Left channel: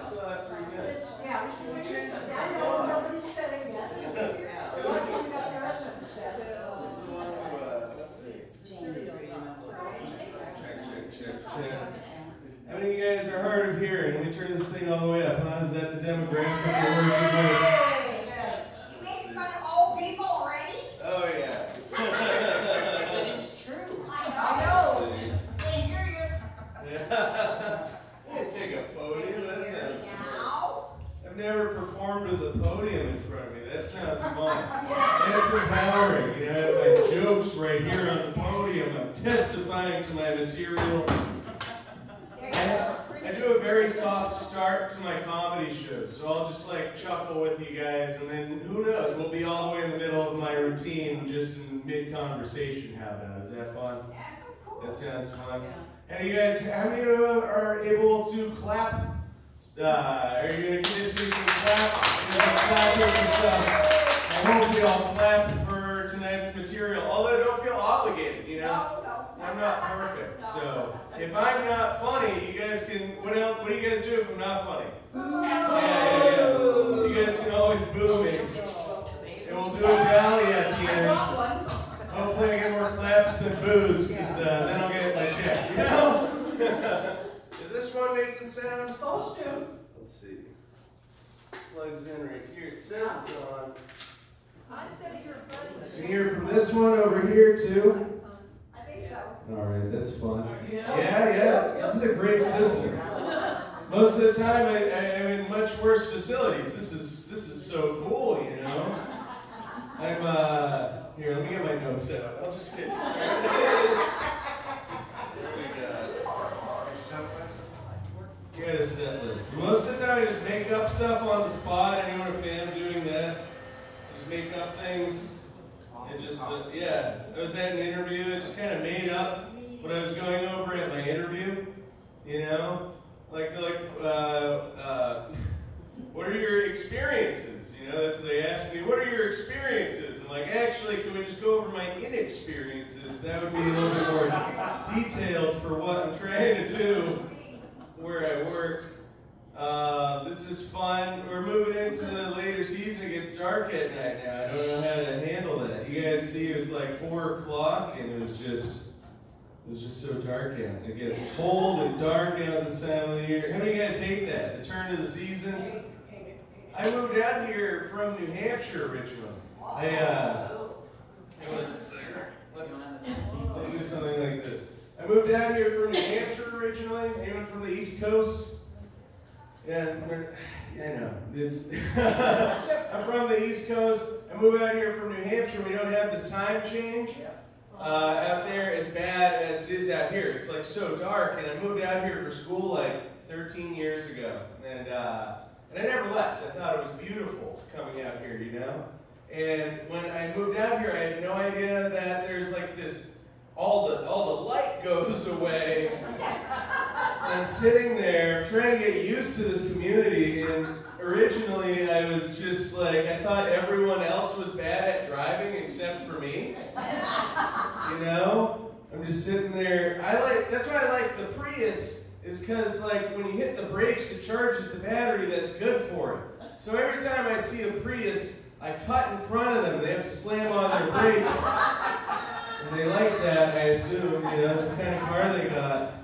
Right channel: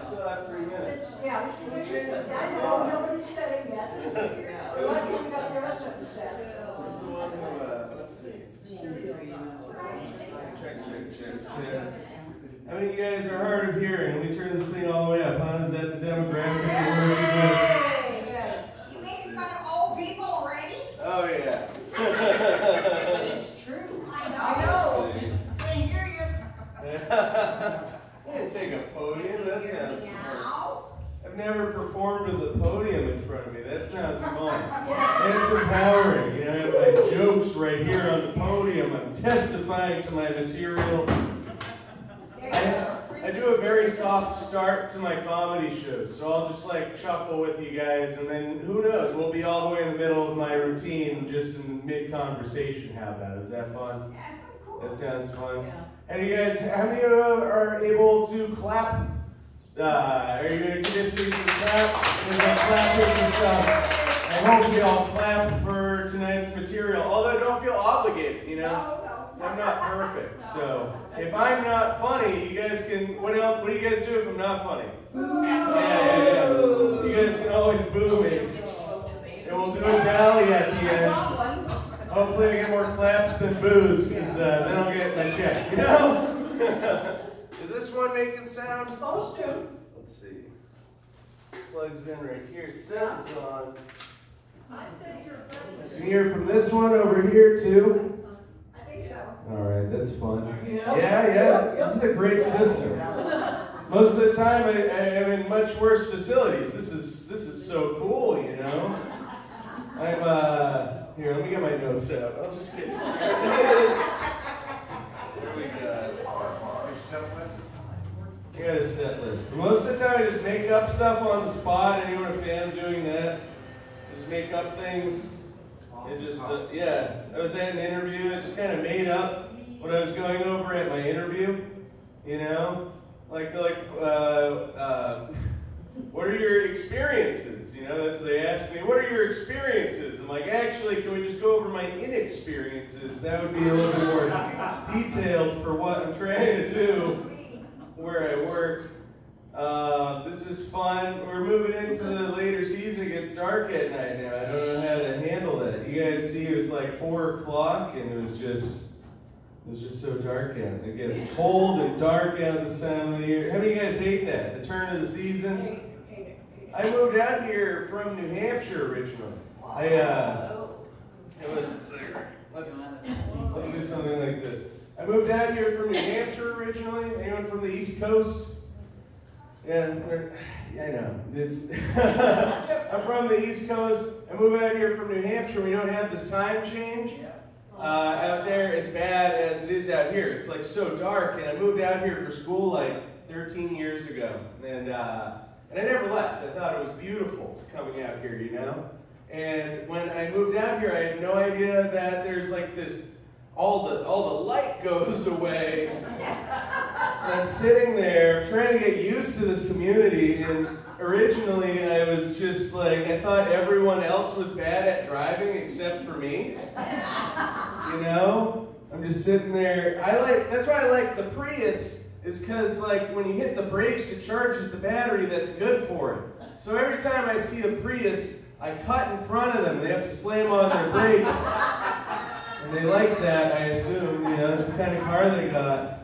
Still have 3 minutes. Yeah, we should I know nobody's said it yet. So what's coming up there isn't said. Who's the one who, let's see. Check. How many of you guys are hard of hearing? Let me turn this thing all the way up. Huh? Is that the demographic? You making fun of old people already? Oh, yeah. It's true. I know. They hear you. I didn't take a podium. That sounds fun. I've never performed with a podium in front of me. That sounds fun. That's empowering. You know, I have my jokes right here on the podium. I'm testifying to my material. I do a very soft start to my comedy shows, so I'll just like chuckle with you guys, and then who knows, we'll be all the way in the middle of my routine, just in the mid-conversation. How about it? Is that fun? That's so cool. That sounds fun. And you guys, how many of you are able to clap? Are you going to just do some claps? We're going to clap here some stuff. I hope you all clap for tonight's material, although don't feel obligated, you know? I'm not perfect, so if I'm not funny, you guys can, what do you guys do if I'm not funny? Yeah. You guys can always boo me. And we'll do a tally at the end. Hopefully I get more claps than boos, because then I'll get my check, you know? Is this one making sound? Supposed to. Let's see. Plugs in right here. It says it's on. You can hear from this one over here too. So. All right, that's fun. Yeah. This is a great system. Most of the time, I'm in much worse facilities. This is so cool, you know. I'm here. Let me get my notes out. I'll just get started. What do we got? Got a set list. Most of the time, I just make up stuff on the spot. Anyone a fan of doing that? Just make up things. It just, yeah, I was at an interview, I just kind of made up what I was going over at my interview, you know? Like, what are your experiences? You know, that's what they asked me, what are your experiences? I'm like, actually, can we just go over my inexperiences? That would be a little bit more detailed for what I'm trying to do where I work. This is fun. We're moving into the later season. It gets dark at night now. I don't know how to handle that. You guys see, it was like 4 o'clock, and it was just so dark out. It gets cold and dark out this time of the year. How many of you guys hate that? The turn of the seasons. I moved out here from New Hampshire originally. Let's do something like this. I moved out here from New Hampshire originally. Anyone from the East Coast? Yeah, I know. I'm from the East Coast. I moved out here from New Hampshire. We don't have this time change out there as bad as it is out here. It's like so dark, and I moved out here for school like 13 years ago, and I never left. I thought it was beautiful coming out here, you know. And when I moved out here, I had no idea that there's like this. All the light goes away. I'm sitting there trying to get used to this community, and originally I was just like, I thought everyone else was bad at driving except for me. You know? I'm just sitting there. That's why I like the Prius, is because like when you hit the brakes, it charges the battery that's good for it. So every time I see a Prius, I cut in front of them. They have to slam on their brakes. And they like that, I assume, you know, it's the kind of car they got,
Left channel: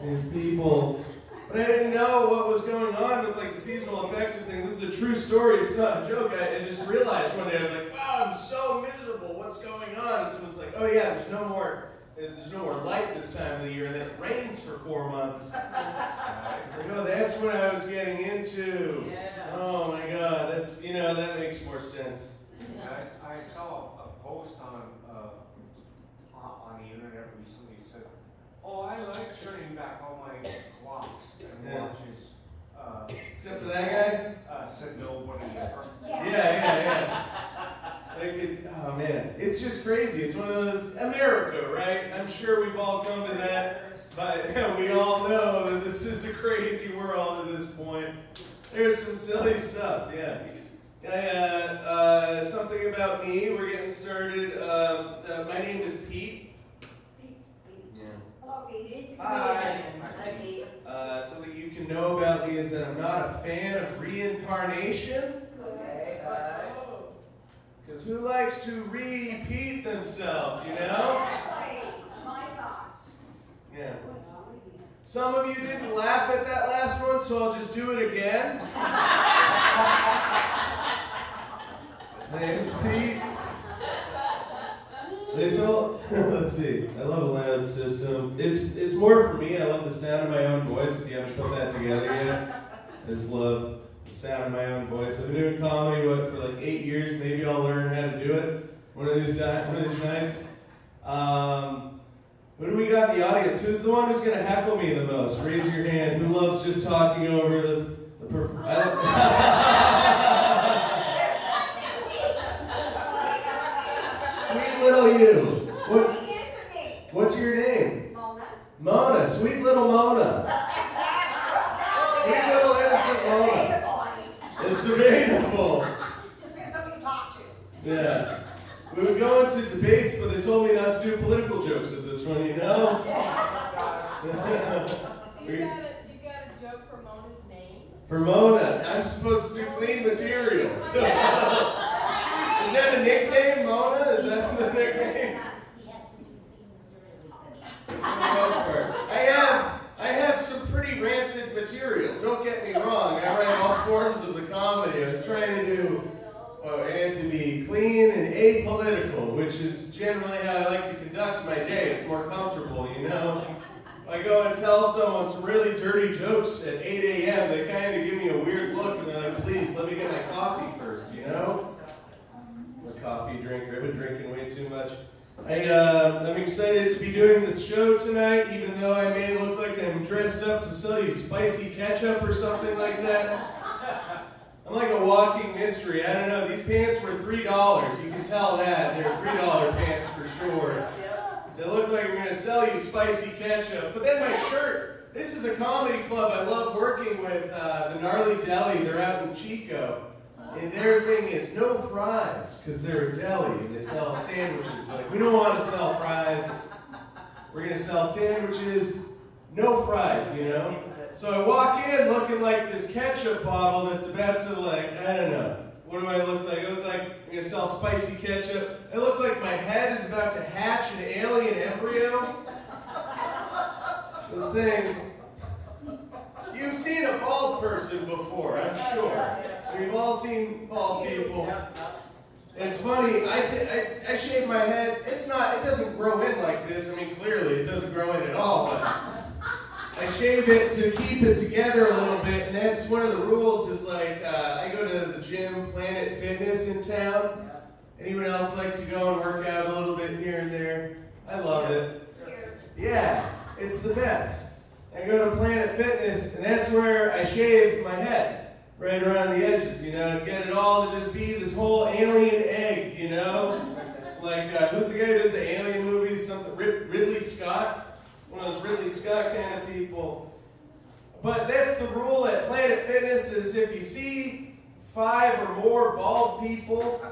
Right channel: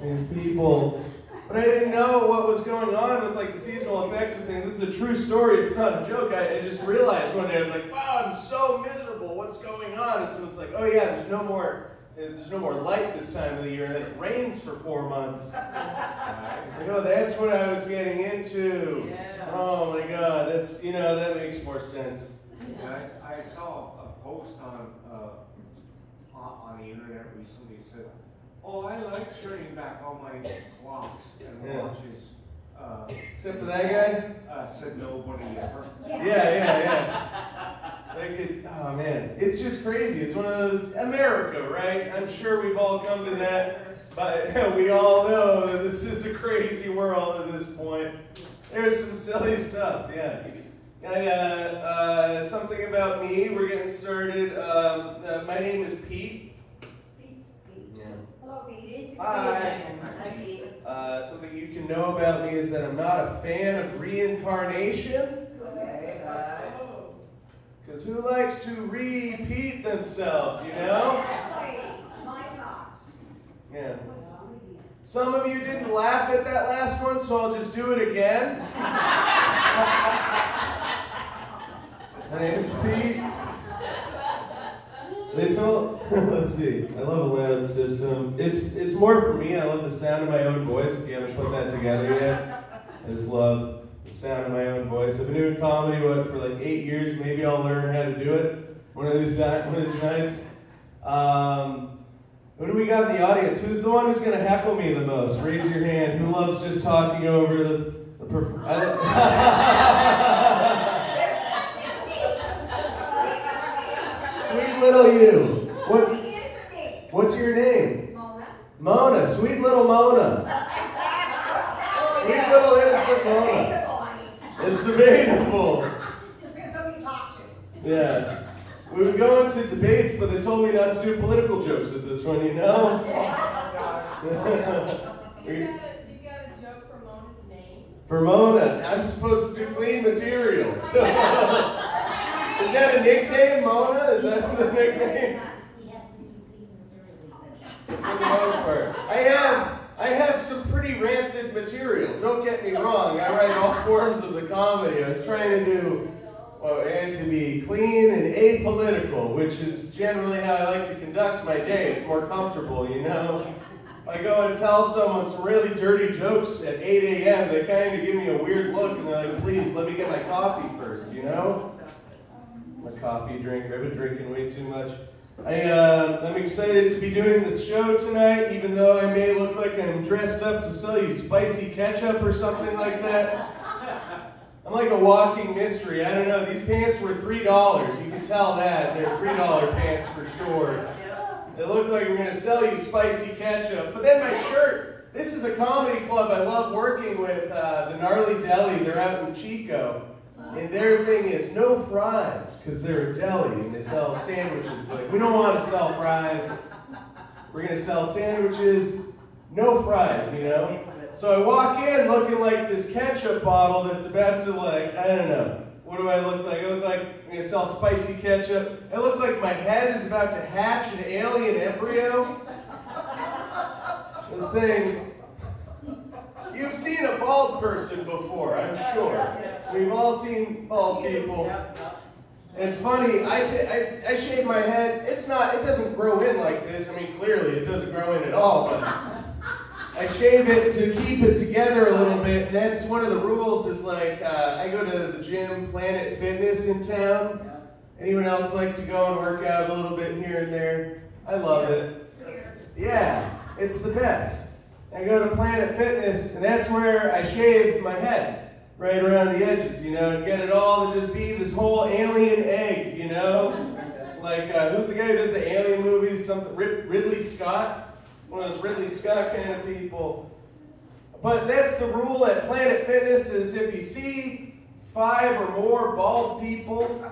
these people. But I didn't know what was going on with like the seasonal affective thing. This is a true story, it's not a joke. I just realized one day, I was like, wow, I'm so miserable, what's going on? And so it's like, oh yeah, there's no more light this time of the year, and then it rains for 4 months. It's like, oh, that's what I was getting into. Oh my God, that's, you know, that makes more sense. Yeah, I saw a post on the internet recently said, oh, I like turning back all my clocks and watches. Except for that guy? Said nobody ever. Yeah. Oh man, it's just crazy. It's one of those, America, right? I'm sure we've all come to that, but we all know that this is a crazy world at this point. There's some silly stuff, yeah. Something about me, we're getting started. My name is Pete. Hello, Pete. Hi. Something you can know about me is that I'm not a fan of reincarnation. Because who likes to repeat themselves, you know? Exactly. My thoughts. Yeah. Some of you didn't laugh at that last one, so I'll just do it again. My name's Pete. Let's see. I love a loud system. It's more for me. I love the sound of my own voice. If you haven't put that together yet, I just love the sound of my own voice. I've been doing comedy for like 8 years. Maybe I'll learn how to do it one of these nights. Who do we got in the audience? Who's the one who's going to heckle me the most? Raise your hand. Who loves just talking over the Sweet little you. What's your name? Mona. Mona. Sweet little Mona. Sweet little innocent Mona. It's debatable. Just depends who you talk to. Yeah. We would go into debates, but they told me not to do political jokes at this one, you know? You got a joke for Mona's name? For Mona, I'm supposed to do clean material. So. Is that a nickname, Mona? Is that the nickname? For the most part. I have some pretty rancid material. Don't get me wrong. I write all forms of the comedy. I was trying to do, and to be clean and apolitical, which is generally how I like to conduct my day. It's more comfortable, you know? I go and tell someone some really dirty jokes at 8 a.m. They kind of give me a weird look, and they're like, please, let me get my coffee first, you know? I'm a coffee drinker. I've been drinking way too much. I'm excited to be doing this show tonight, even though I may look like I'm dressed up to sell you spicy ketchup or something like that. I'm like a walking mystery. I don't know. These pants were $3. You can tell that. They're $3 pants for sure. They look like we're going to sell you spicy ketchup. But then my shirt. This is a comedy club I love working with, the Gnarly Deli. They're out in Chico. And their thing is no fries, because they're a deli and they sell sandwiches. Like, we don't want to sell fries. We're going to sell sandwiches, no fries, you know? So I walk in looking like this ketchup bottle that's about to, like, I don't know. What do I look like? I look like I'm going to sell spicy ketchup. I look like my head is about to hatch an alien embryo. This thing. You've seen a bald person before, I'm sure. We've all seen bald people. It's funny, I shave my head. It doesn't grow in like this. I mean, clearly it doesn't grow in at all, but I shave it to keep it together a little bit. And that's one of the rules is like, I go to the gym, Planet Fitness in town. Anyone else like to go and work out a little bit here and there? I love it. Yeah, it's the best. I go to Planet Fitness, and that's where I shave my head, right around the edges, you know, and get it all to just be this whole alien egg, you know? Like, who's the guy who does the alien movies? Ridley Scott? One of those Ridley Scott kind of people. But that's the rule at Planet Fitness is if you see 5 or more bald people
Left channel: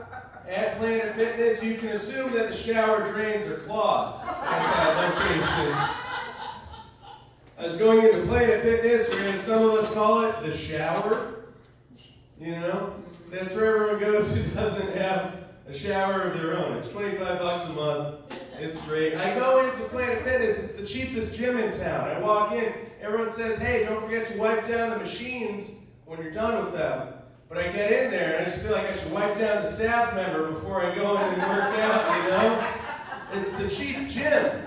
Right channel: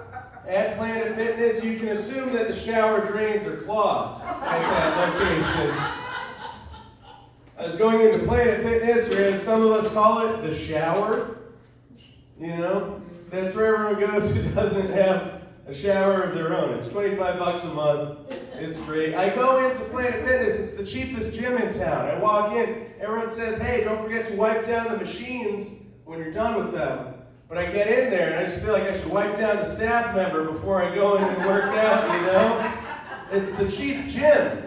at Planet Fitness, you can assume that the shower drains are clogged at that location. I was going into Planet Fitness, or as some of us call it, the shower. You know, that's where everyone goes who doesn't have a shower of their own. It's $25 a month. It's free. I go into Planet Fitness. It's the cheapest gym in town. I walk in. Everyone says, hey, don't forget to wipe down the machines when you're done with them. But I get in there, and I just feel like I should wipe down the staff member before I go in and work out, you know? It's the cheap gym.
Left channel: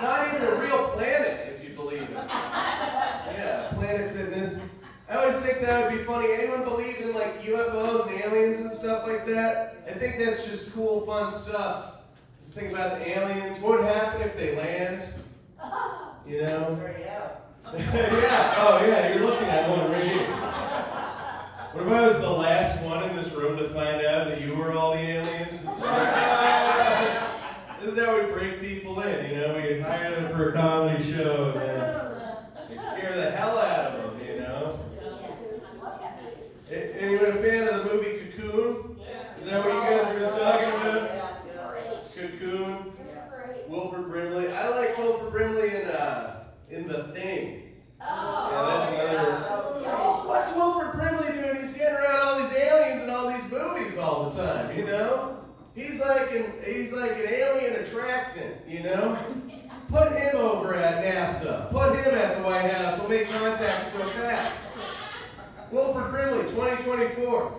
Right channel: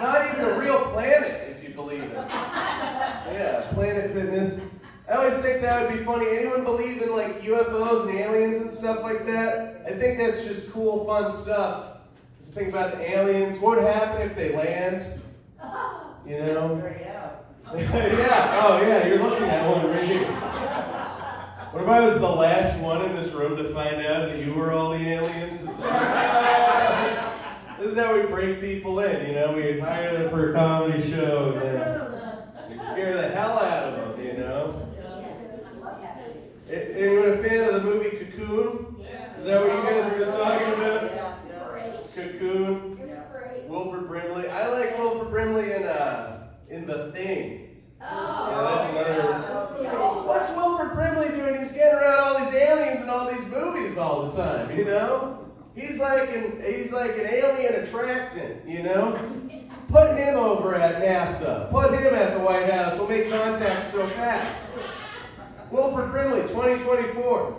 Not even a real planet, if you believe it. Yeah, Planet Fitness. I always think that would be funny. Anyone believe in like UFOs and aliens and stuff like that? I think that's just cool, fun stuff. Just think about the aliens. What would happen if they land? You know? Yeah. Oh yeah, you're looking at one right here. What if I was the last one in this room to find out that you were all the aliens? It's like, this is how we break people in, you know? We hire them for a comedy show and then we scare the hell out of them, you know? Anyone a fan of the movie Cocoon? Is that what you guys were just talking about? Cocoon? Wilford Brimley. I like Wilford Brimley in The Thing. these movies all the time, you know? He's like an alien attractant, you know? Put him over at NASA. Put him at the White House. We'll make contact so fast. Wilford Brimley, 2024.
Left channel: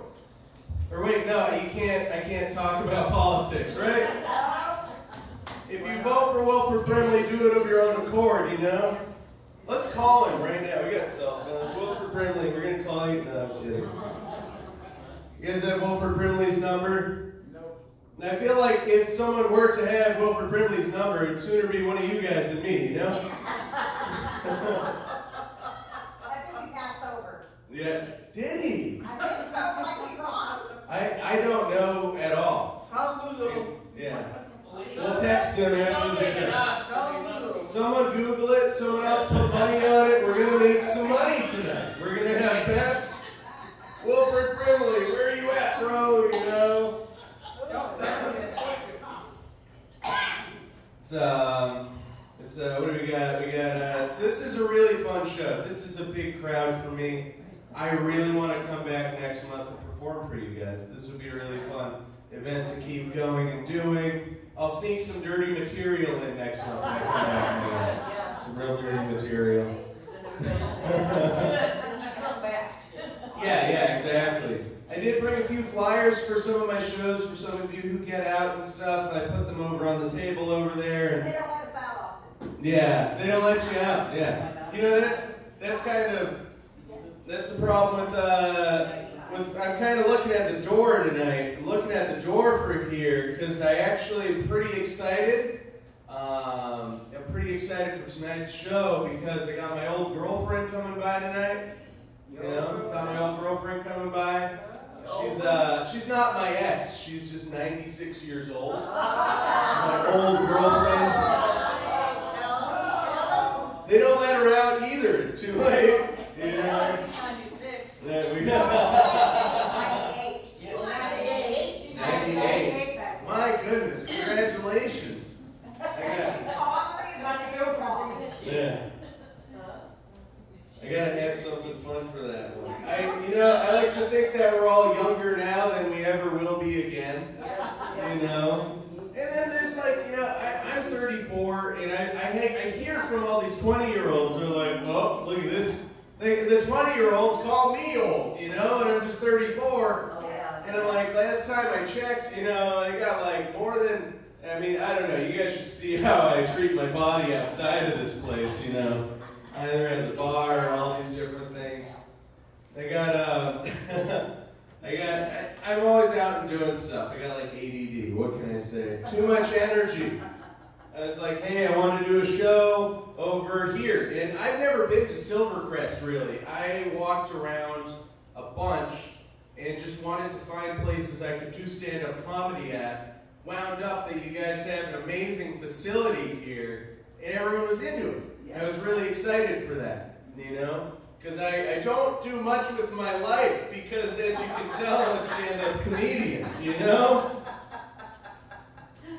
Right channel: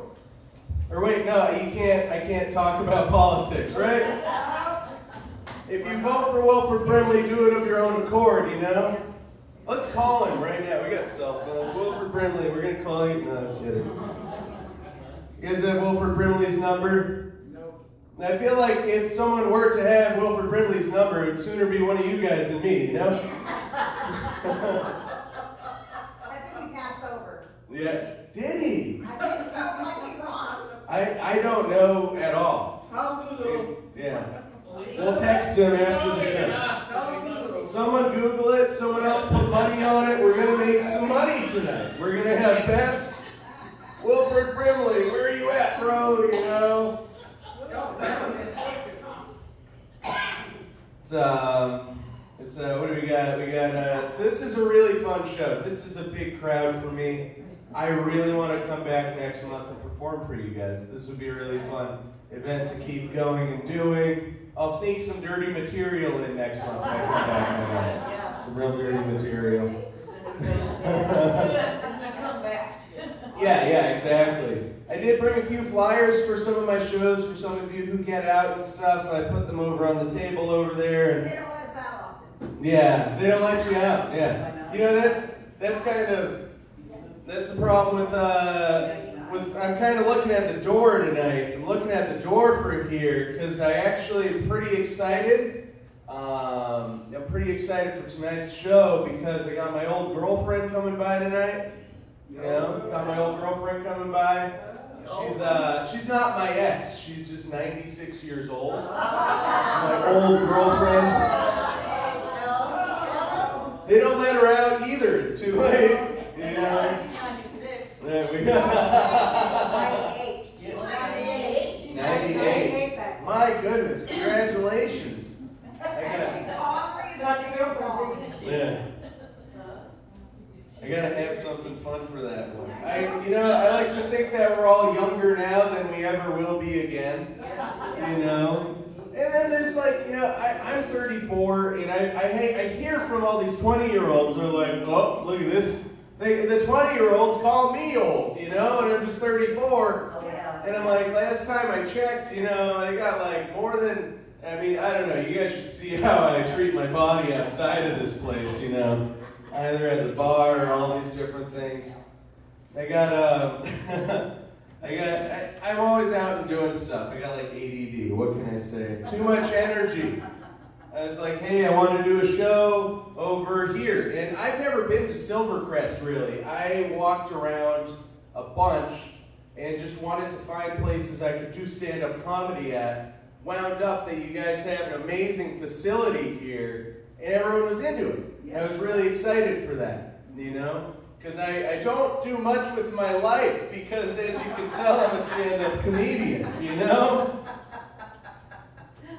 Or wait, no, I can't talk about politics, right? If you vote for Wilford Brimley, do it of your own accord, you know? Let's call him right now. We got cell phones. Wilford Brimley, we're going to call you. No, I'm kidding. You guys have Wilford Brimley's number? No. I feel like if someone were to have Wilford Brimley's number, it would sooner be one of you guys than me, you know? I think he passed over. Yeah. Did he? I think so, I might be wrong. I don't know at all. Yeah. We'll text him after the show. Someone Google it. Someone else put money on it. We're going to make some money tonight. We're going to have bets. Wilford Brimley, where are you at, bro? You know? What do we got? So this is a really fun show. This is a big crowd for me. I really want to come back next month and perform for you guys. This would be a really fun event to keep going and doing. I'll sneak some dirty material in next month when I come back. Some real dirty material. Yeah, exactly. I did bring a few flyers for some of my shows, for some of you who get out and stuff. I put them over on the table over there. And They don't let us out often. yeah, they don't let you out. Yeah, you know that's kind of that's the problem with I'm kind of looking at the door tonight. I'm looking at the door for here because I actually am pretty excited. I'm pretty excited for tonight's show because I got my old girlfriend coming by tonight. You know, got my old girlfriend coming by. She's not my ex. She's just 96 years old. My old girlfriend. They don't let her out either. Too late. You know. There we go. 98. My goodness, congratulations. Yeah. I gotta have something fun for that one. I like to think that we're all younger now than we ever will be again. You know? And then there's like, I'm 34, and I hear from all these 20-year-olds who are like, oh, look at this. The 20-year-olds call me old, you know, and I'm just 34. And I'm like, last time I checked, they got like more than, I don't know, you guys should see how I treat my body outside of this place, you know. Either at the bar or all these different things. I'm always out and doing stuff. I got like ADD, what can I say? Too much energy. I was like, hey, I want to do a show over here. And I've never been to Silvercrest, really. I walked around a bunch and just wanted to find places I could do stand-up comedy at. Wound up that you guys have an amazing facility here, and everyone was into it. I was really excited for that, you know? Because I don't do much with my life, because as you can tell, I'm a stand-up comedian, you know?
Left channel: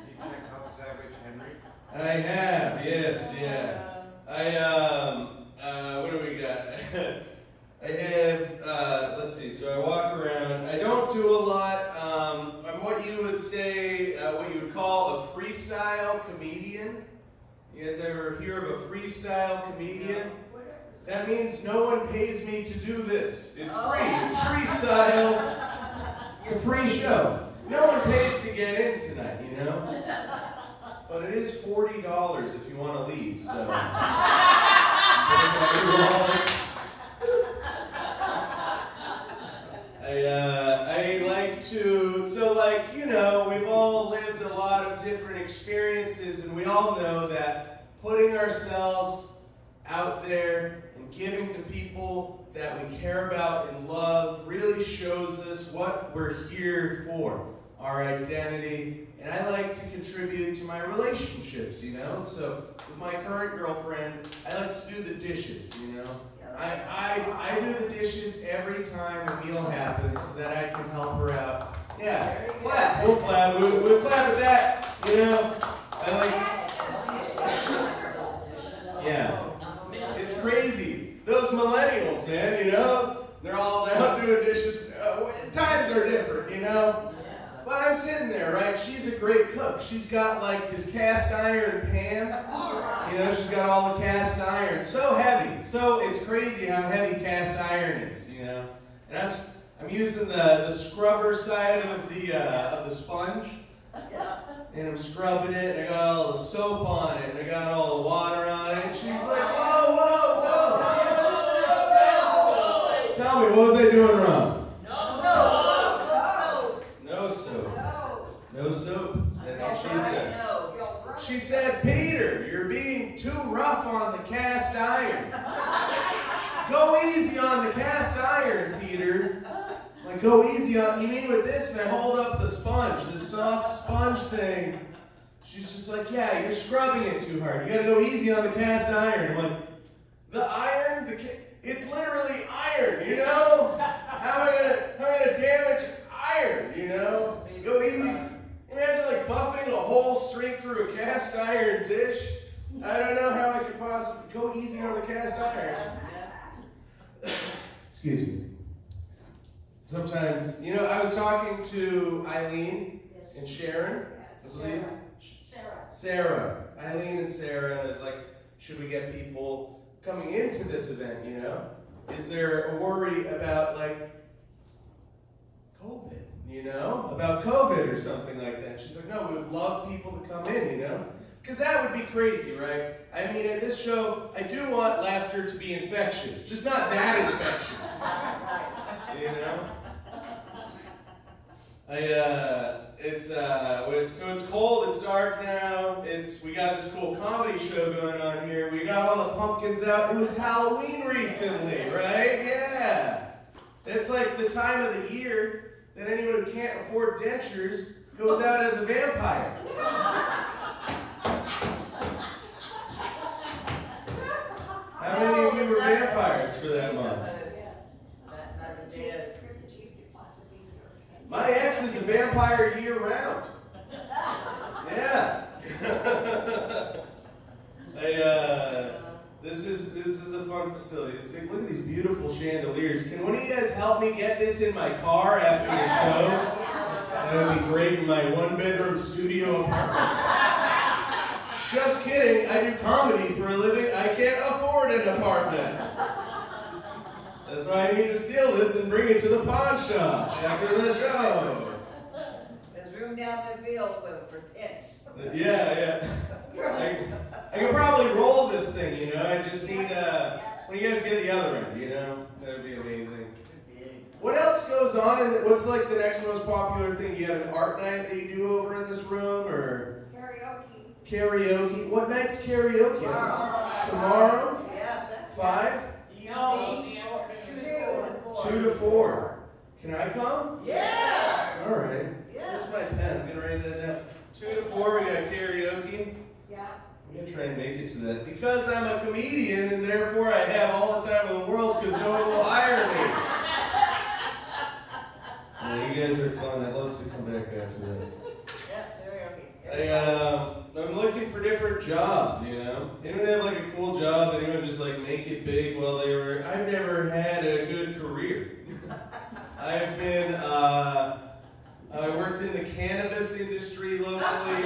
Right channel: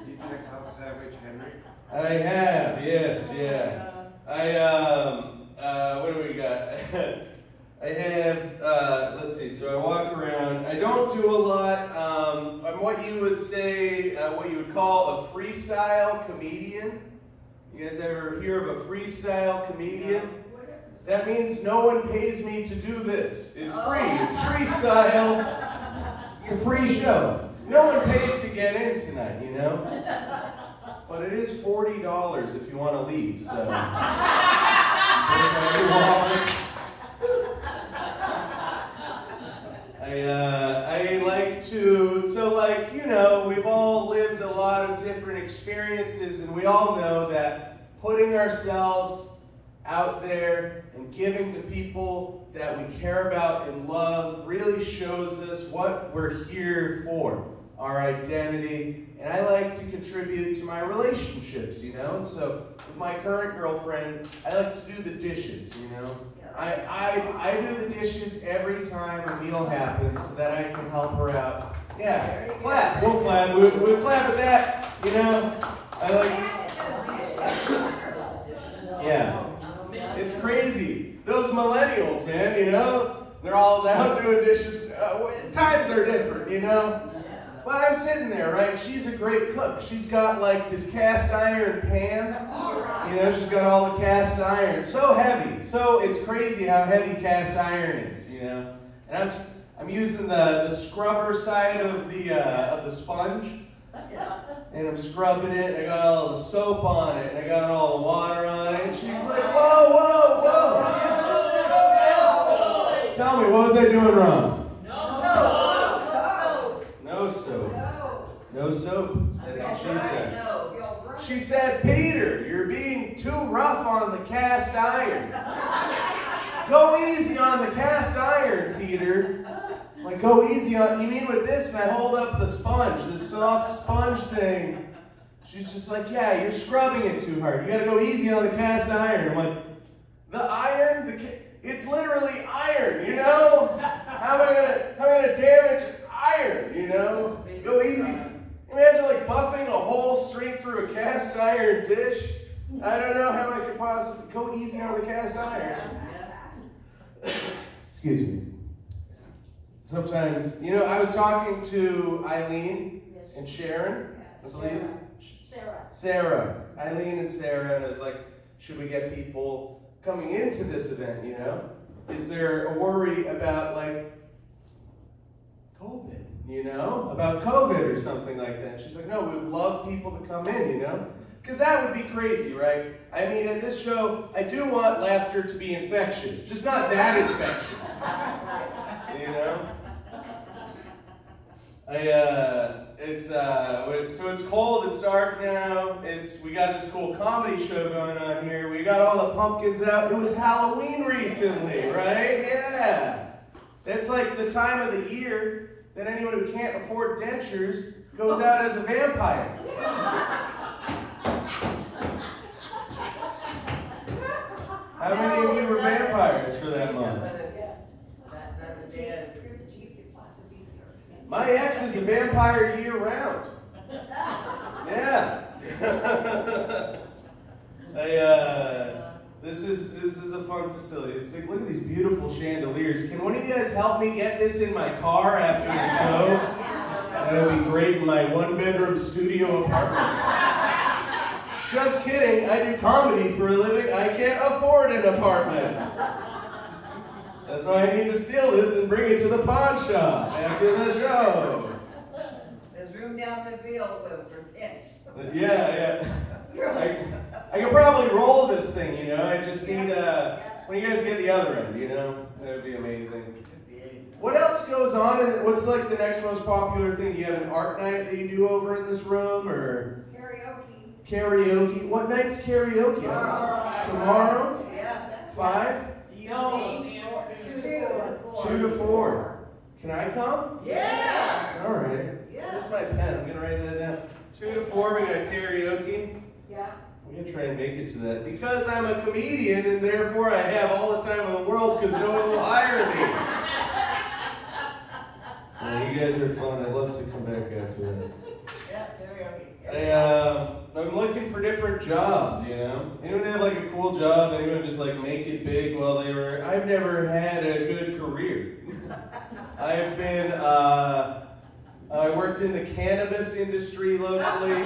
You checked out Savage Henry? I have, yes, yeah. What do we got? I have, let's see, so I walk around. I don't do a lot. I'm what you would say, what you would call a freestyle comedian. You guys ever hear of a freestyle comedian? That means no one pays me to do this. It's free. It's freestyle. It's a free show. No one paid to get in tonight, you know? But it is $40 if you want to leave, so. I like to, we've all lived a lot of different experiences, and we all know that putting ourselves out there and giving to people that we care about and love really shows us what we're here for, our identity. And I like to contribute to my relationships, you know? And so with my current girlfriend, I like to do the dishes, you know? I do the dishes every time a meal happens so that I can help her out. Yeah, clap. We'll clap. We'll clap at that, you know? I like yeah. It's crazy. Those millennials, man, you know? They're all out doing dishes. Times are different, you know? But I'm sitting there, right? She's a great cook. She's got like this cast iron pan. You know, she's got all the cast iron. So heavy. So it's crazy how heavy cast iron is, you know? And I'm using the scrubber side of the sponge. And I'm scrubbing it, and I got all the soap on it, and I got all the water on it. And she's like, whoa, whoa, whoa. Tell me, what was I doing wrong? No soap. No soap. No soap. That's what she said. No. She said, Peter, you're being too rough on the cast iron. Go easy on the cast iron, Peter. Like, go easy on, you mean with this? And I hold up the sponge, the soft sponge thing. She's just like, yeah, you're scrubbing it too hard. You gotta go easy on the cast iron. I'm like, the iron? It's literally iron, you know? How am I gonna damage iron, you know? Go easy. Imagine like buffing a hole straight through a cast iron dish. I don't know how I could possibly go easy on the cast iron. Excuse me. Sometimes, you know, I was talking to Eileen and Sharon, I believe. Sarah. Eileen and Sarah, and I was like, should we get people coming into this event, you know? Is there a worry about, like, COVID, you know? About COVID or something like that. She's like, no, we'd love people to come in, you know? Because that would be crazy, right? I mean, at this show, I do want laughter to be infectious, just not that infectious, you know? So it's cold, it's dark now, we got this cool comedy show going on here, we got all the pumpkins out. It was Halloween recently, right? Yeah. That's like the time of the year that anyone who can't afford dentures goes out as a vampire. How many of you were vampires for that month? My ex is a vampire year-round. Yeah. This is a fun facility. It's big. Look at these beautiful chandeliers. Can one of you guys help me get this in my car after the show? That would be great in my one-bedroom studio apartment. Just kidding. I do comedy for a living. I can't afford an apartment. That's why I need to steal this and bring it to the pawn shop after the show. There's room down the field for pits. Yeah. I could probably roll this thing, you know. I just need, when you guys get the other end, you know, that would be amazing. What else goes on? And what's like the next most popular thing? Do you have an art night that you do over in this room, or karaoke? What night's karaoke? Tomorrow? Yeah. 5? No. 2 to 4. Can I come? Yeah. All right. Here's my pen. I'm gonna write that down. 2 to 4. We got karaoke. Yeah. I'm gonna try and make it to that because I'm a comedian and therefore I have all the time in the world because no one will hire me. Yeah, you guys are fun. I'd love to come back after that. I'm looking for different jobs, you know? Anyone have like a cool job? Anyone just like make it big while they were... I've never had a good career. I have been, I worked in the cannabis industry locally.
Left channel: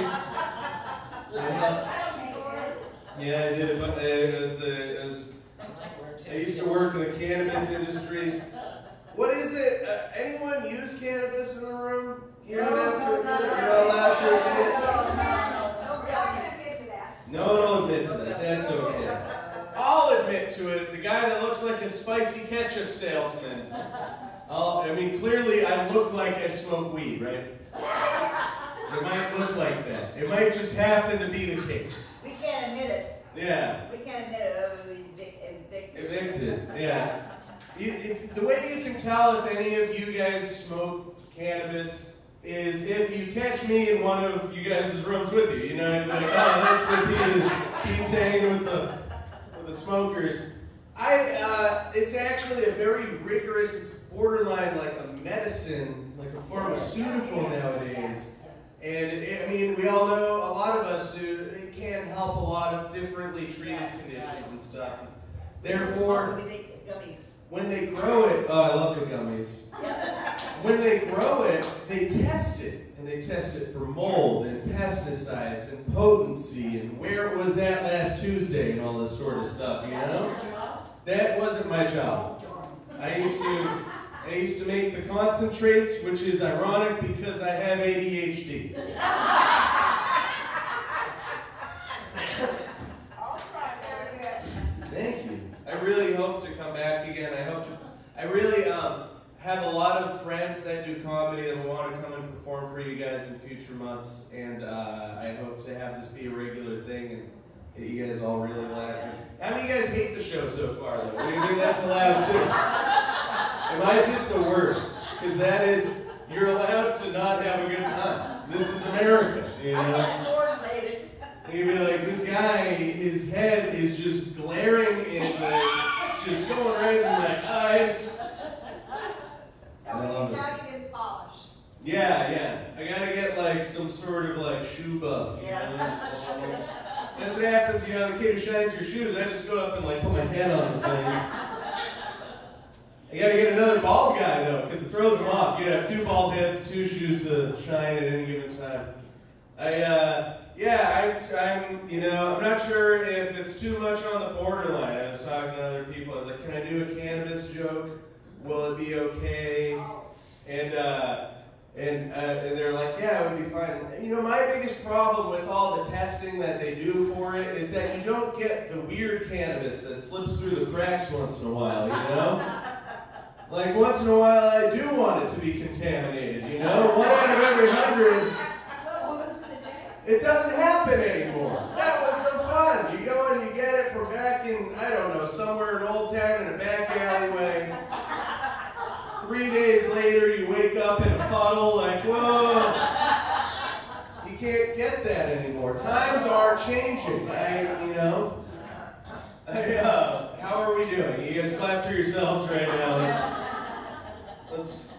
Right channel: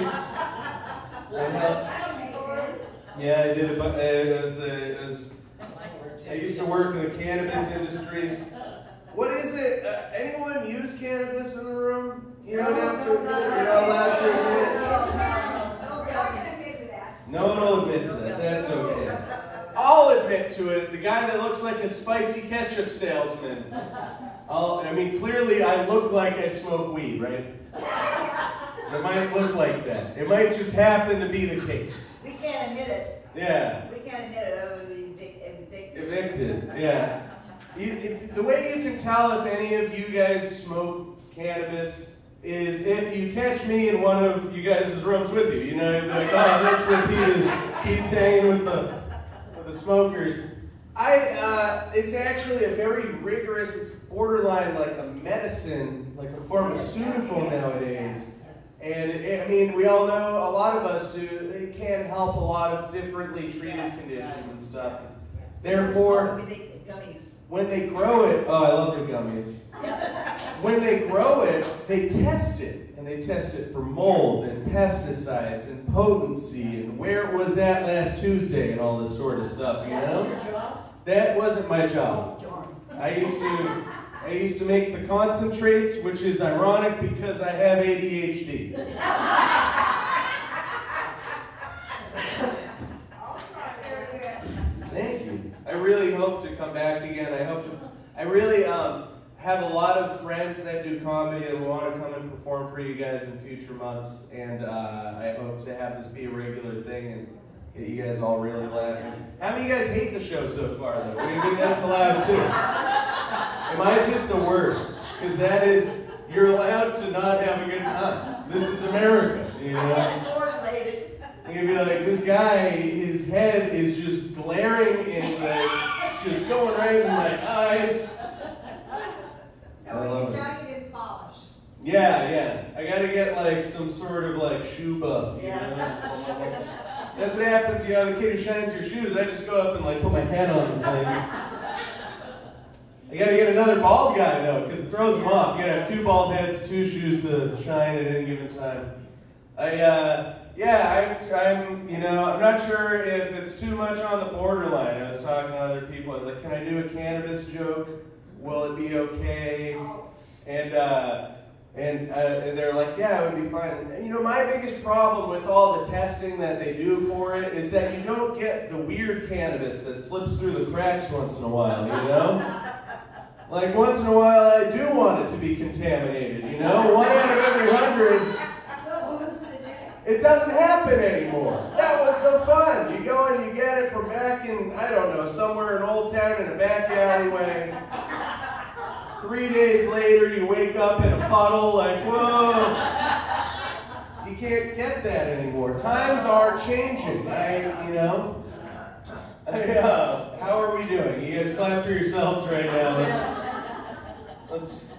Yeah, I did it, I used to work in the cannabis industry. What is it? Anyone use cannabis in the room? You don't have to, you're not allowed to admit it. No one will admit to that. That's okay. I'll admit to it. The guy that looks like a spicy ketchup salesman. I mean, clearly I look like I smoke weed, right? It might look like that. It might just happen to be the case. We can't admit it. Yeah. We can't admit it. We'll be Evicted, yeah. The way you can tell if any of you guys smoke cannabis is if you catch me in one of you guys' rooms with you. You know, you'll be like, oh, that's what Pete's hanging with the smokers. It's actually a very rigorous, it's borderline like a medicine, like a pharmaceutical nowadays. And I mean, we all know, a lot of us do, it can help a lot of differently treated conditions and stuff. Therefore, when they grow it, oh, I love the gummies. When they grow it, they test it. And they test it for mold and pesticides and potency and where it was at last Tuesday and all this sort of stuff, you know? That wasn't my job. I used to make the concentrates, which is ironic because I have ADHD. Thank you. I really hope to come back again. I really have a lot of friends that do comedy that will want to come and perform for you guys in future months, and I hope to have this be a regular thing and get you guys all really laughing. How many of you guys hate the show so far, though? I mean, that's allowed too. Am I just the worst? Because that is, you're allowed to not have a good time. This is America, you know? You'd be like, this guy, his head is just glaring and it's just going right in my eyes. Yeah. I gotta get like some sort of like shoe buff, you know? That's what happens, you know, the kid who shines your shoes, I just go up and like put my head on the thing. I gotta get another bald guy though, because it throws them off. You gotta have 2 bald heads, 2 shoes to shine at any given time. I'm not sure if it's too much on the borderline. I was talking to other people, I was like, can I do a cannabis joke? Will it be okay? And they're like, yeah, it would be fine. And you know, my biggest problem with all the testing that they do for it is that you don't get the weird cannabis that slips through the cracks once in a while, you know? Like, once in a while, I do want it to be contaminated, you know? 1 out of every 100, it doesn't happen anymore. That was the fun. You go and you get it from back in, I don't know, somewhere in Old Town in a back alleyway. 3 days later, you wake up in a puddle like, whoa. You can't get that anymore. Times are changing. How are we doing? You guys clap for yourselves right now. Let's.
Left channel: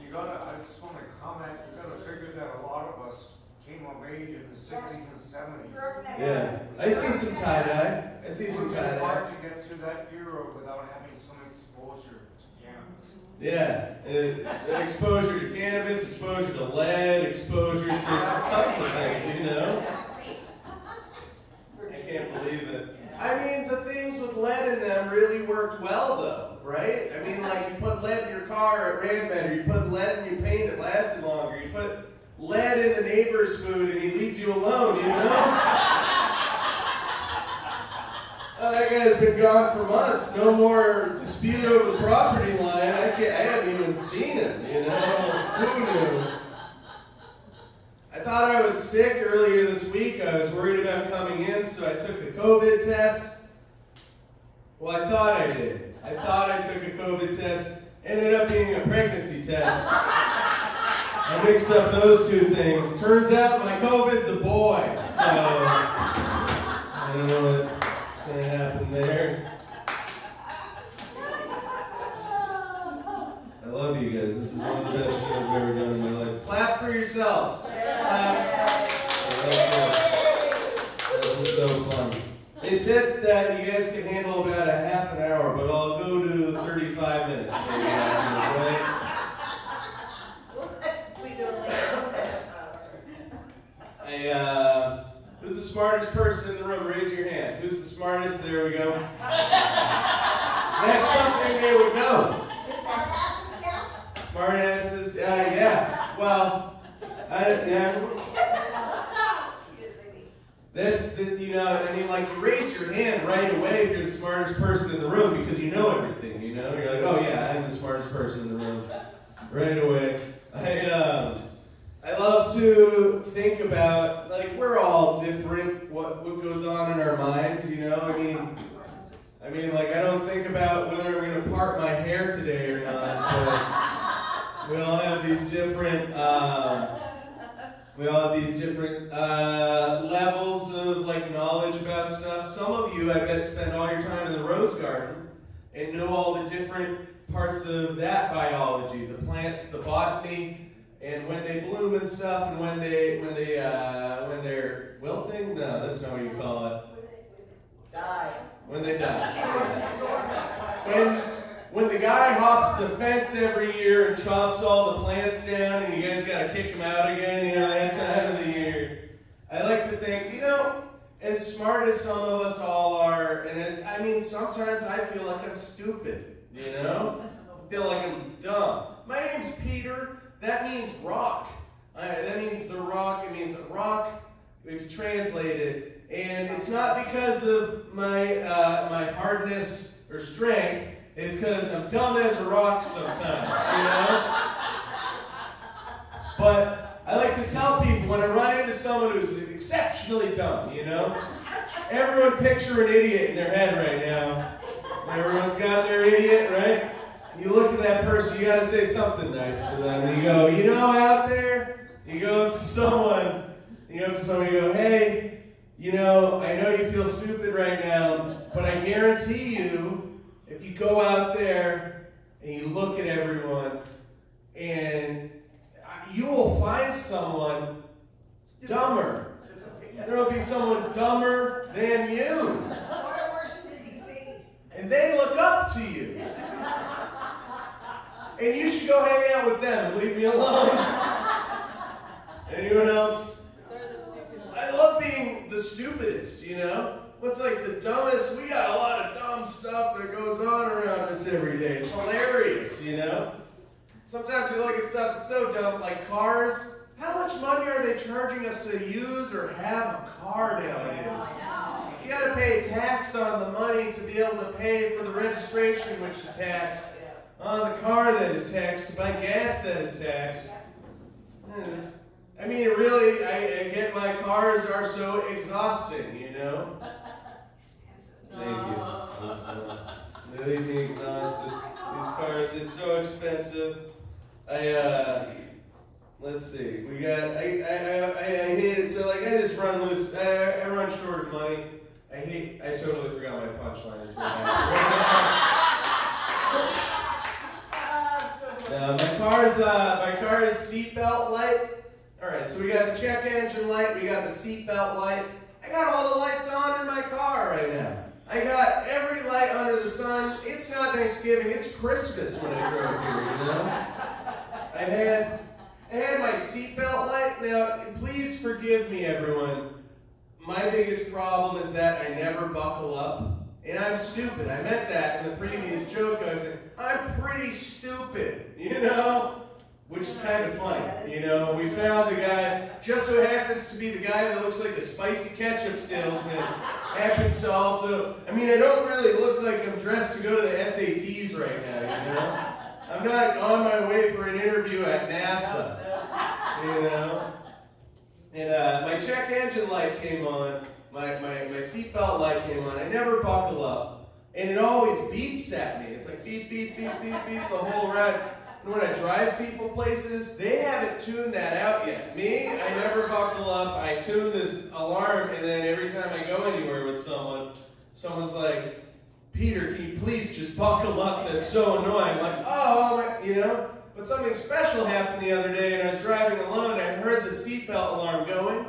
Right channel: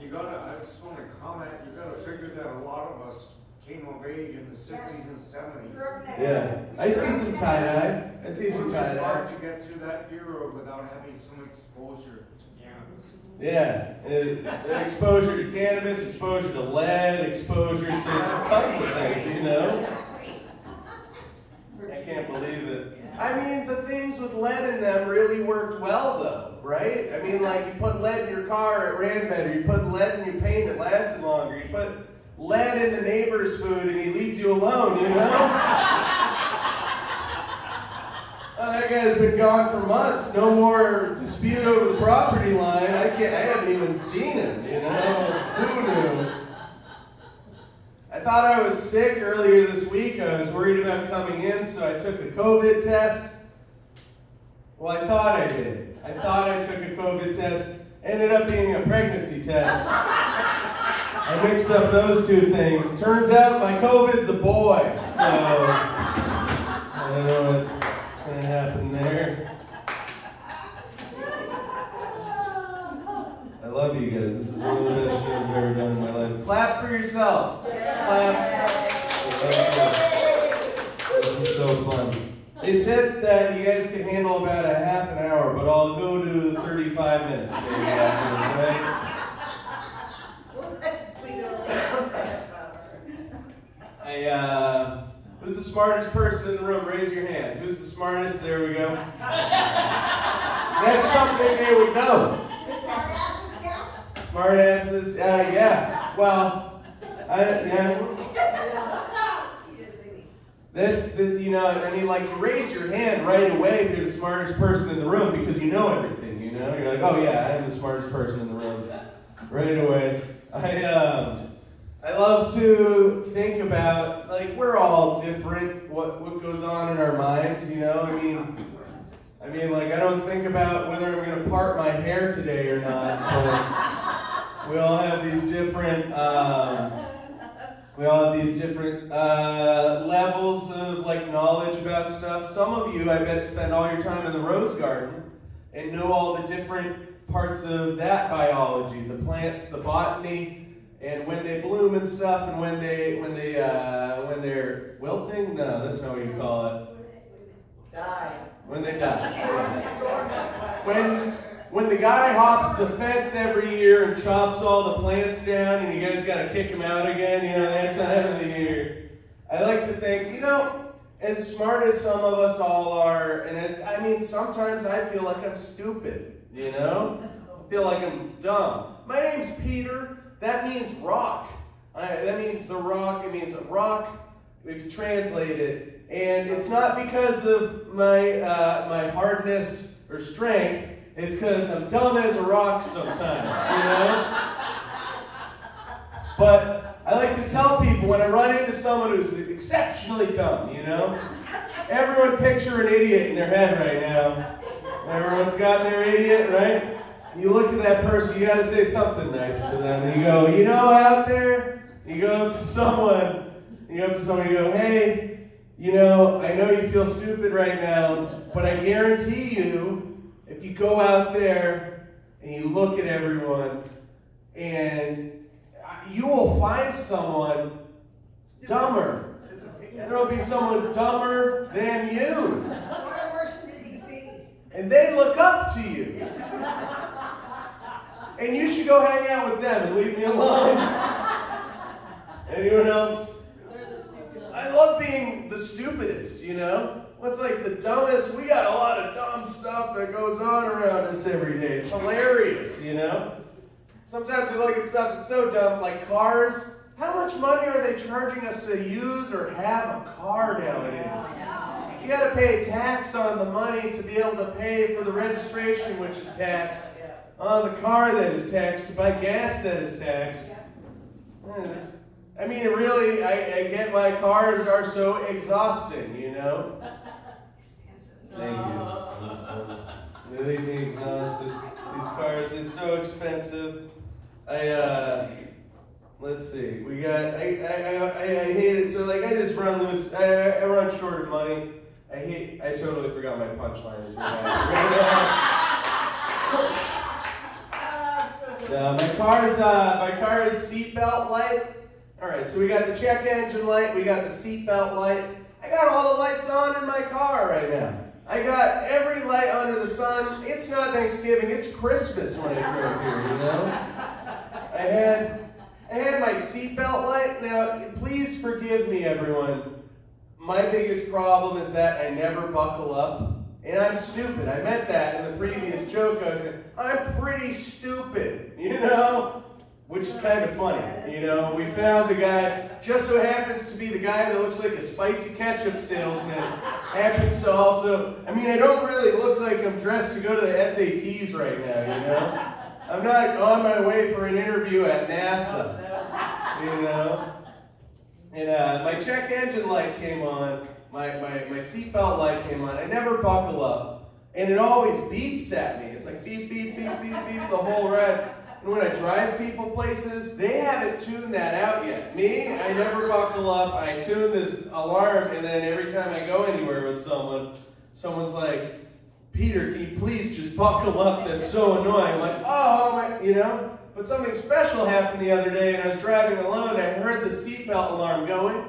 I just want to comment, you gotta figure that a lot of us came of age in the 60s and 70s. Yeah. I see some tie-dye. It's hard to get through that era without having some exposure to cannabis. Yeah, it's exposure to cannabis, exposure to lead, exposure to tons of things, you know? I can't believe it. I mean, the things with lead in them really worked well, though, right? I mean, like, you put lead in your car, it ran better. You put lead in your paint, it lasted longer. You put lead in the neighbor's food, and he leaves you alone, you know? Oh, that guy's been gone for months. No more dispute over the property line. I haven't even seen him, you know? Who knew? I thought I was sick earlier this week. I was worried about coming in, so I took a COVID test. Well, I thought I did. I thought I took a COVID test. Ended up being a pregnancy test. I mixed up those 2 things. Turns out my COVID's a boy, so I don't know what's going to happen there. I love you guys. This is one of the best shows I've ever done in my life. Clap for yourselves. Clap. This is so fun. They said that you guys can handle about a half an hour, but I'll go to 35 minutes maybe after this, right? Who's the smartest person in the room? Raise your hand. Who's the smartest? There we go. That's something they would know. Smart asses? Yeah. Well, that's like you raise your hand right away if you're the smartest person in the room because you know everything, you know? You're like, oh yeah, I'm the smartest person in the room. Right away. I love to think about, like, we're all different, what goes on in our minds, you know? I mean, like, I don't think about whether I'm going to part my hair today or not, but we all have these different, levels of, like, knowledge about stuff. Some of you, I bet, spend all your time in the rose garden and know all the different parts of that biology, the plants, the botany, and when they bloom and stuff, and when they're wilting? No, that's not what you call it. Die. When they die. when the guy hops the fence every year and chops all the plants down and you guys got to kick him out again, you know, that time of the year. I like to think, you know, as smart as some of us all are, and sometimes I feel like I'm stupid, you know? I feel like I'm dumb. My name's Peter. That means rock. That means the rock. It means a rock, if you translate it. And it's not because of my hardness or strength. It's because I'm dumb as a rock sometimes, you know? But I like to tell people when I run into someone who's exceptionally dumb, you know? Everyone picture an idiot in their head right now. Everyone's got their idiot, right? You look at that person, you got to say something nice to them. You go, you know, out there, you go up to someone, you go, hey, you know, I know you feel stupid right now, but I guarantee you, if you go out there and you look at everyone, and you will find someone dumber. There will be someone dumber than you. And they look up to you. And you should go hang out with them and leave me alone. Anyone else? I love being the stupidest, you know? What's like the dumbest? We got a lot of dumb stuff that goes on around us every day. It's hilarious, you know? Sometimes we look at stuff that's so dumb, like cars. How much money are they charging us to use or have a car nowadays? You got to pay tax on the money to be able to pay for the registration, which is taxed, on the car that is taxed, to buy gas that is taxed. I mean, really, I get why cars are so exhausting, you know? Thank you. They leave me exhausted. These cars, it's so expensive. Let's see. We got. I hate it. So like, I just run loose. I run short of money. I totally forgot my punchline as well. My car's seatbelt light. All right. So we got the check engine light. We got the seatbelt light. I got all the lights on in my car right now. I got every light under the sun. It's not Thanksgiving. It's Christmas when I drove here. You know. I had my seatbelt light. Now, please forgive me, everyone. My biggest problem is that I never buckle up. And I'm stupid. I meant that in the previous joke. I was saying, I'm pretty stupid, you know? Which is kind of funny, you know? We found the guy, just so happens to be the guy that looks like a spicy ketchup salesman. Happens to also, I mean, I don't really look like I'm dressed to go to the SATs right now, you know? I'm not on my way for an interview at NASA, you know? And my check engine light came on, my seatbelt light came on. I never buckle up, and it always beeps at me. It's like beep, beep, beep, beep, beep the whole ride. And when I drive people places, they haven't tuned that out yet. Me, I never buckle up. I tune this alarm, and then every time I go anywhere with someone, someone's like, Peter, can you please just buckle up? That's so annoying. I'm like, oh, you know? But something special happened the other day, and I was driving alone. I heard the seatbelt alarm going,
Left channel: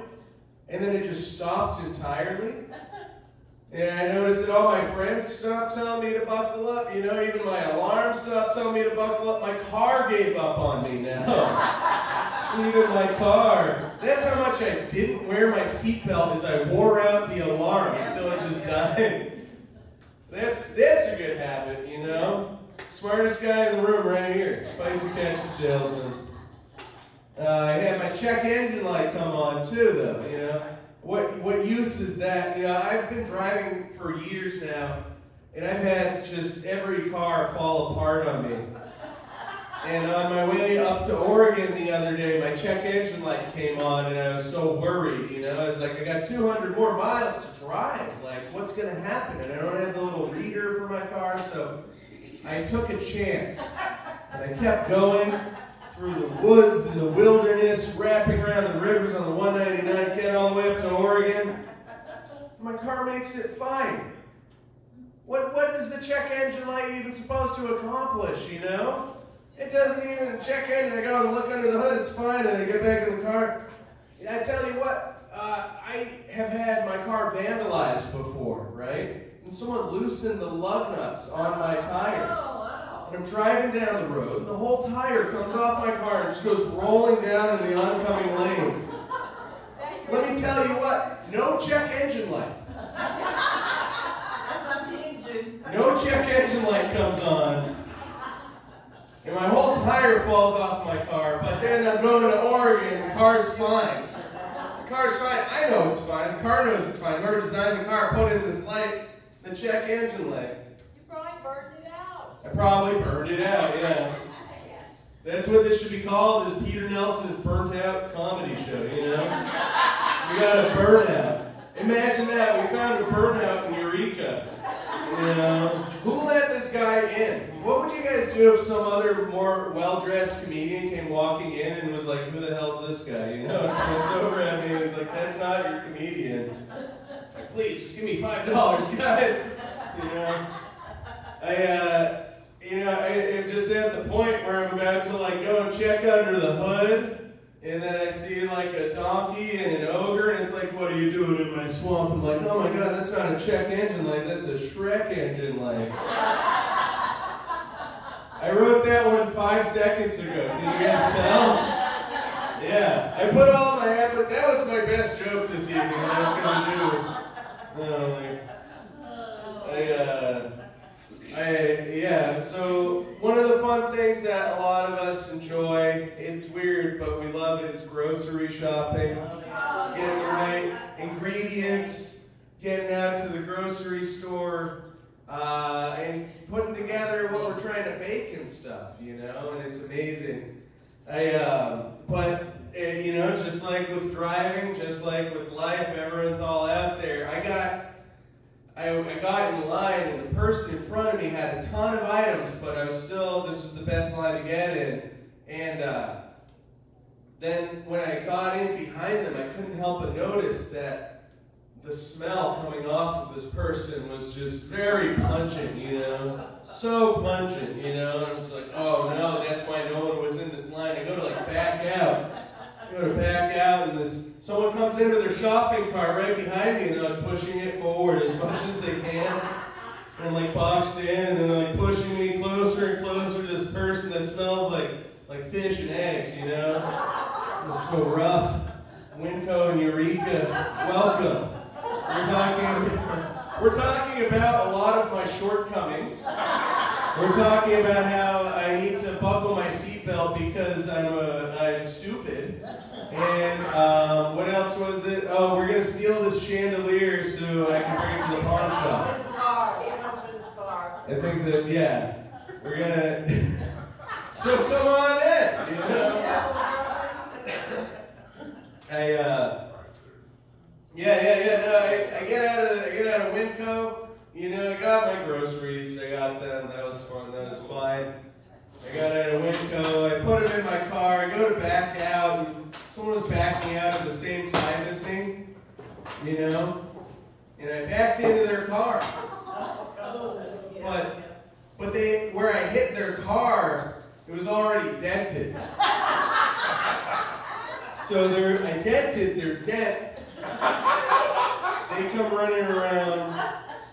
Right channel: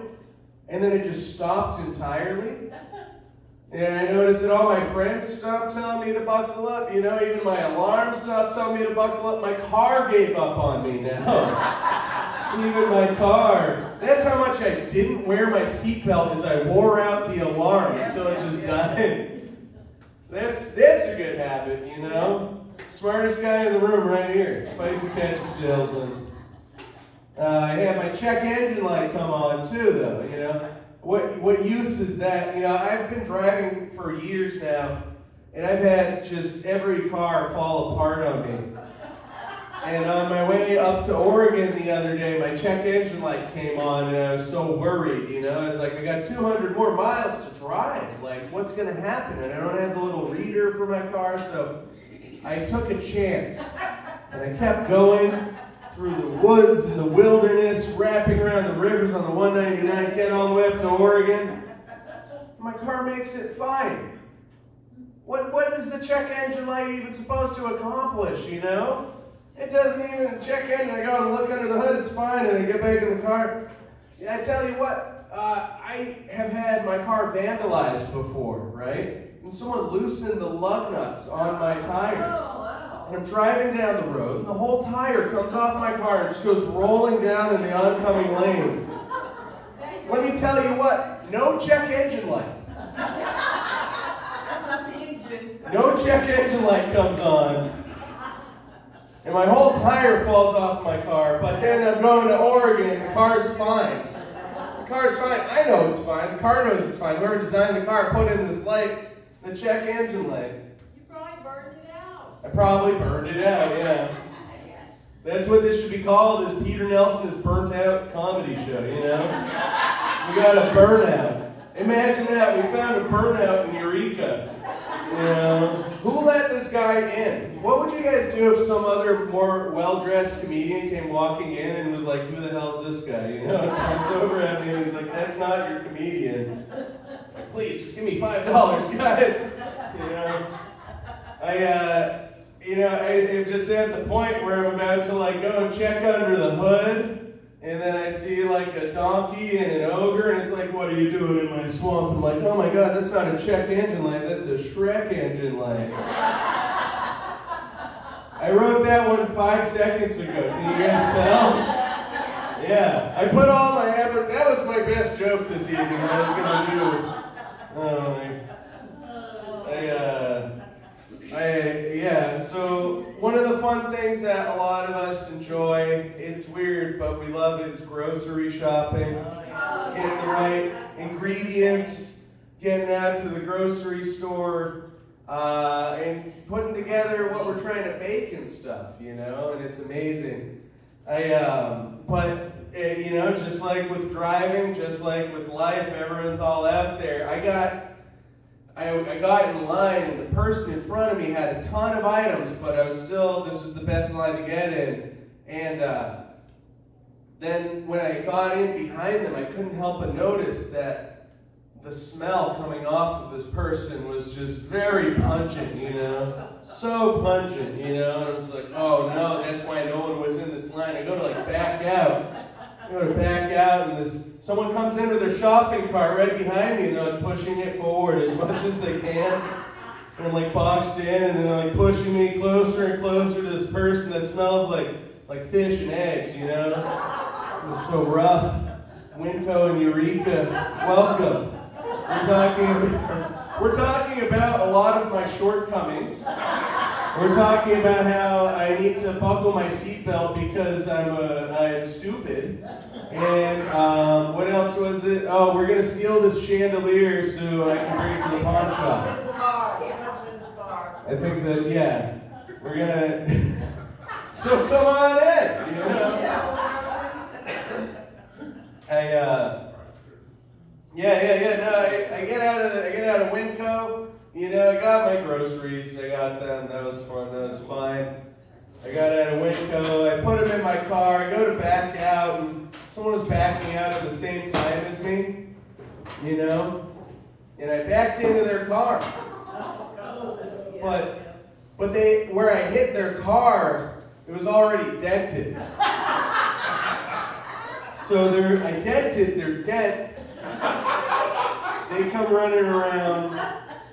and then it just stopped entirely. And I noticed that all my friends stopped telling me to buckle up. You know, even my alarm stopped telling me to buckle up. My car gave up on me now. Even my car. That's how much I didn't wear my seatbelt as I wore out the alarm until it just died. That's a good habit, you know? Smartest guy in the room right here. Spicy ketchup salesman. I had my check engine light come on too, though, you know? What use is that? You know, I've been driving for years now, and I've had just every car fall apart on me. And on my way up to Oregon the other day, my check engine light came on, and I was so worried, you know? I was like, I got 200 more miles to drive. Like, what's going to happen? And I don't have the little reader for my car, so I took a chance. And I kept going through the woods and the wilderness, wrapping around the rivers on the 199, get all the way up to Oregon. My car makes it fine. What is the check engine light even supposed to accomplish, you know? It doesn't even check in. I go and look under the hood, it's fine, and I get back in the car. I tell you what, I have had my car vandalized before, right? And someone loosened the lug nuts on my tires. and I'm driving down the road, and the whole tire comes off my car and just goes rolling down in the oncoming lane. Let me tell you what, no check engine light. No check engine light comes on. And my whole tire falls off my car, but then I'm going to Oregon, the car's fine. The car's fine. I know it's fine. The car knows it's fine. Whoever designed the car put in this light, the check engine light. You probably burned it out. I probably burned it out, yeah. That's what this should be called, is Peter Nelson's burnt out comedy show, you know? We got a burnout. Imagine that, we found a burnout in Eureka. You know? Who let this guy in? What would you guys do if some other more well-dressed comedian came walking in and was like, who the hell's this guy? You know, and it's over at me and he's like, that's not your comedian. Like, please, just give me $5, guys. You know? I'm just at the point where I'm about to like go and check under the hood, and then I see like a donkey and an ogre, and it's like, what are you doing in my swamp? I'm like, oh my God, that's not a check engine light, that's a Shrek engine light. I wrote that one 5 seconds ago, can you guys tell? Yeah, I put all my effort, that was my best joke this evening that I was gonna do. So one of the fun things that a lot of us enjoy, it's weird, but we love it, is grocery shopping. Getting the right ingredients, getting out to the grocery store, and putting together what we're trying to bake and stuff, you know, and it's amazing. Just like with driving, just like with life, everyone's all out there. I got in line, and the person in front of me had a ton of items, but this was the best line to get in. And then when I got in behind them, I couldn't help but notice that the smell coming off of this person was just very pungent, you know? So pungent, you know? And I was like, oh no, that's why no one was in this line. I go to like back out. And someone comes in with their shopping cart right behind me, and they're like pushing it forward as much as they can. And I'm like boxed in, and they're like pushing me closer and closer to this person that smells like fish and eggs, you know? It was so rough. Winco and Eureka, welcome. We're talking about a lot of my shortcomings. We're talking about how I need to buckle my seatbelt because I'm stupid. And what else was it? Oh, we're gonna steal this chandelier so I can bring it to the pawn shop. I think that, yeah, we're gonna. So come on in. You know? I get out of Winco. You know, I got my groceries. I got them. That was fun. That was fine. I got out of Winco. I put them in my car. I go to back out, and someone was backing out at the same time as me. You know, and I backed into their car. But where I hit their car, it was already dented. So I dented their dent. They come running around.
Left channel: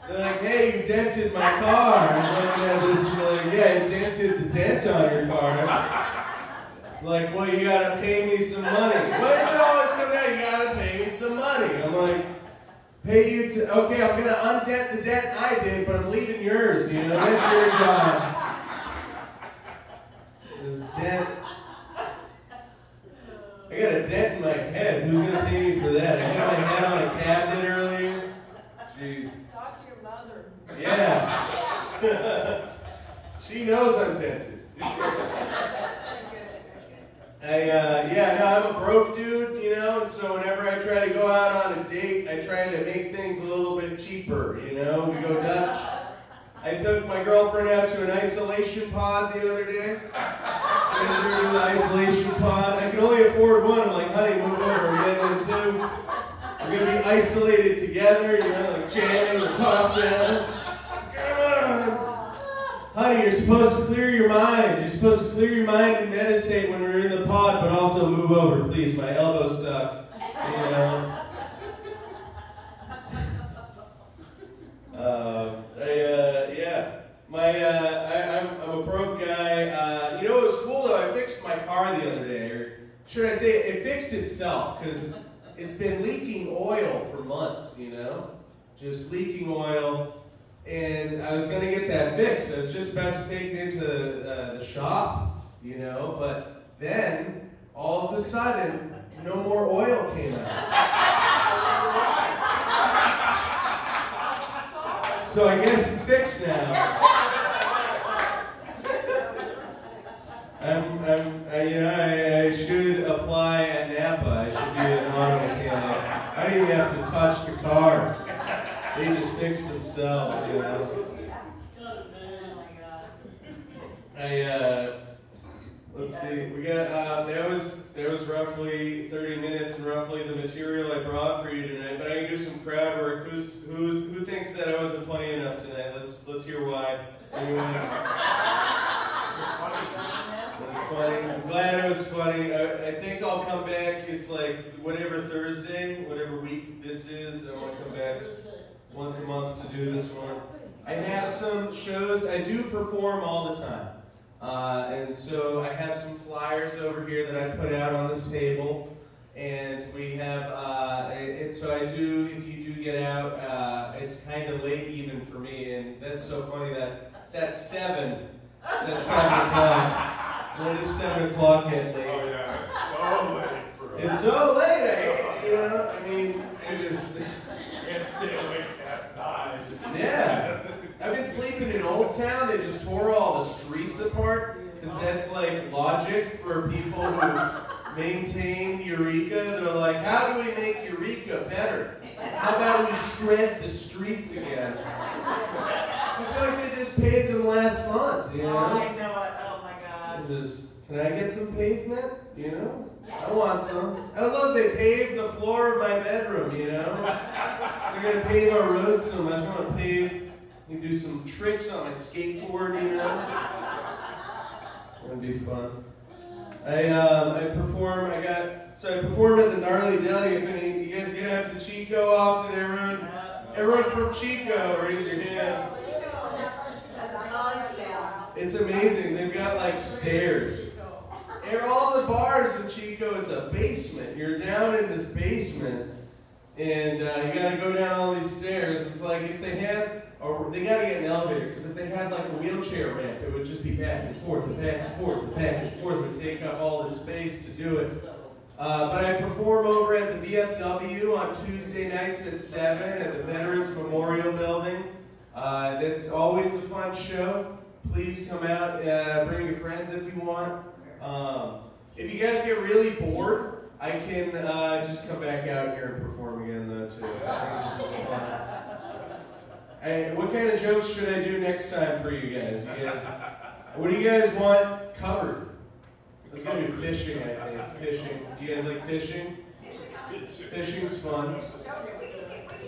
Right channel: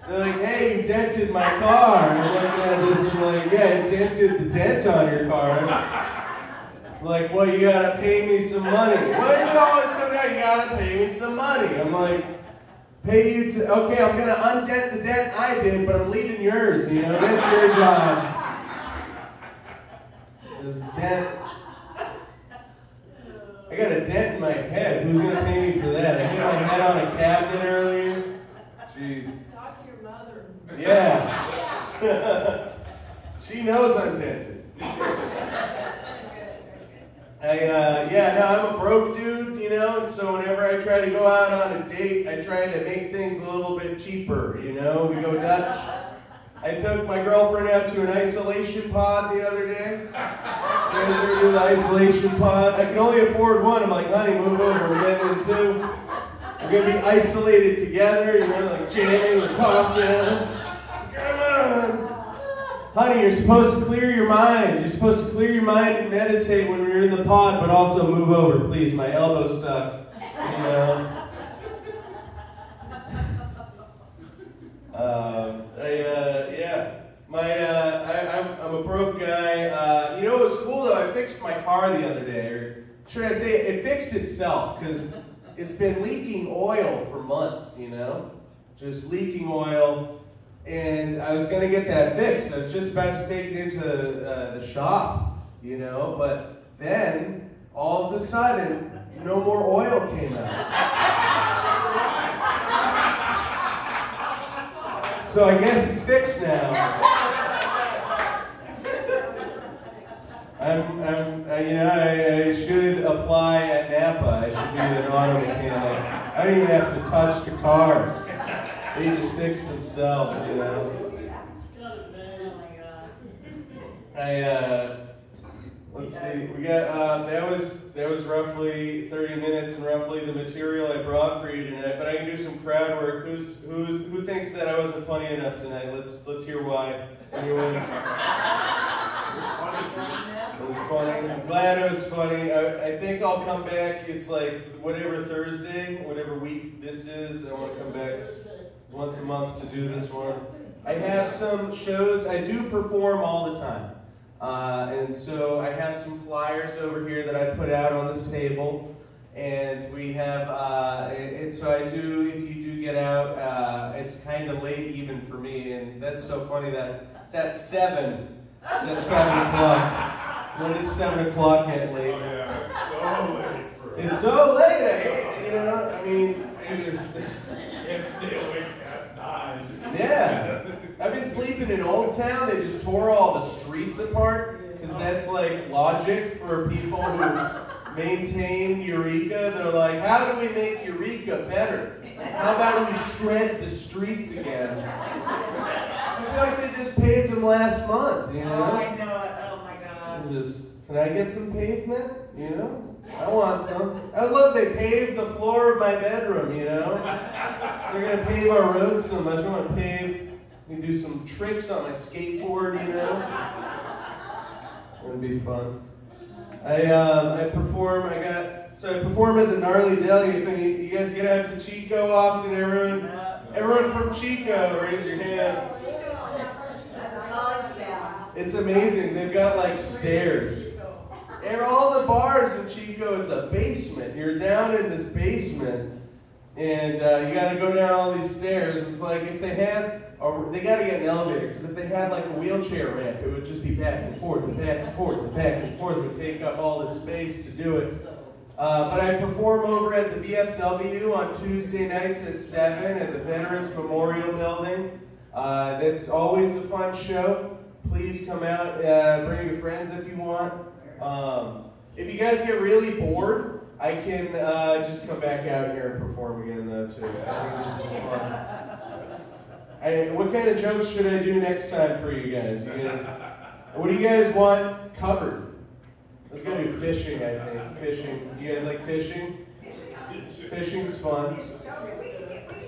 They're like, hey, you dented my car. And I'm like, yeah, I dented the dent on your car. Like, well, you gotta pay me some money. Why does it always come down? You gotta pay me some money. I'm like, pay you to, okay, I'm gonna undent the dent I did, but I'm leaving yours, you know, that's your job. This dent. I got a dent in my head. Who's gonna pay me for that? I hit my head on a cabinet earlier. Jeez. Talk to your mother. Yeah. She knows I'm dented. I'm a broke dude, you know, and so whenever I try to go out on a date, I try to make things a little bit cheaper, you know. We go Dutch. I took my girlfriend out to an isolation pod the other day. I was going to do the isolation pod. I can only afford one. I'm like, honey, move over. We're getting in two. We're going to be isolated together, you know, like jamming the top down. Honey, you're supposed to clear your mind. You're supposed to clear your mind and meditate when we're in the pod, but also move over, please. My elbow's stuck, you know. I'm a broke guy. You know what was cool though? I fixed my car the other day, or should I say it fixed itself, because it's been leaking oil for months, you know? Just leaking oil. And I was gonna get that fixed. I was just about to take it into the shop, you know? But then, all of a sudden, no more oil came out. So I guess it's fixed now. I should apply at Napa. I should be an auto mechanic. I don't even have to touch the cars. They just fix themselves, you know. Let's see. We got that was roughly 30 minutes and roughly the material I brought for you tonight. But I can do some crowd work. Who thinks that I wasn't funny enough tonight? Let's hear why. Anyone? It was funny. I'm glad it was funny. I think I'll come back. It's like whatever Thursday, whatever week this is. I want to come back once a month to do this one. I have some shows. I do perform all the time. And so I have some flyers over here that I put out on this table. And we have, so I do, if you do get out, it's kind of late even for me. And that's so funny that it's at 7. It's at 7 o'clock. When it's 7 o'clock at late. Oh yeah, it's so late for us. It's so late, you know, I mean, it is. Can't stay awake at 9. Yeah. I've been sleeping in Old Town. They just tore all the streets apart, because that's like logic for people who maintain Eureka. They're like, how do we make Eureka better? How about we shred the streets again? I feel like they just paved them last month, you know? Oh, I know it. Oh my God. Can I get some pavement? You know? I want some. I would love they pave the floor of my bedroom, you know? They're gonna pave our roads so much. I want to pave. We can do some tricks on my skateboard, you know? It would be fun. I perform. I perform at the Gnarly Deli. If any, you guys get out to Chico often, everyone from Chico, raise your hand. It's amazing. They've got like stairs. And all the bars in Chico, it's a basement. You're down in this basement, and you got to go down all these stairs. It's like if they had, or they got to get an elevator, because if they had like a wheelchair ramp, it would just be back and forth and back and forth and back and forth. It would take up all the space to do it. But I perform over at the VFW on Tuesday nights at 7 at the Veterans Memorial Building. That's always a fun show. Please come out, bring your friends if you want. If you guys get really bored, I can just come back out here and perform again though too. I think this is fun. What kind of jokes should I do next time for you guys? What do you guys want covered? Let's go do fishing, I think. Fishing. Do you guys like fishing? Fishing's fun. We can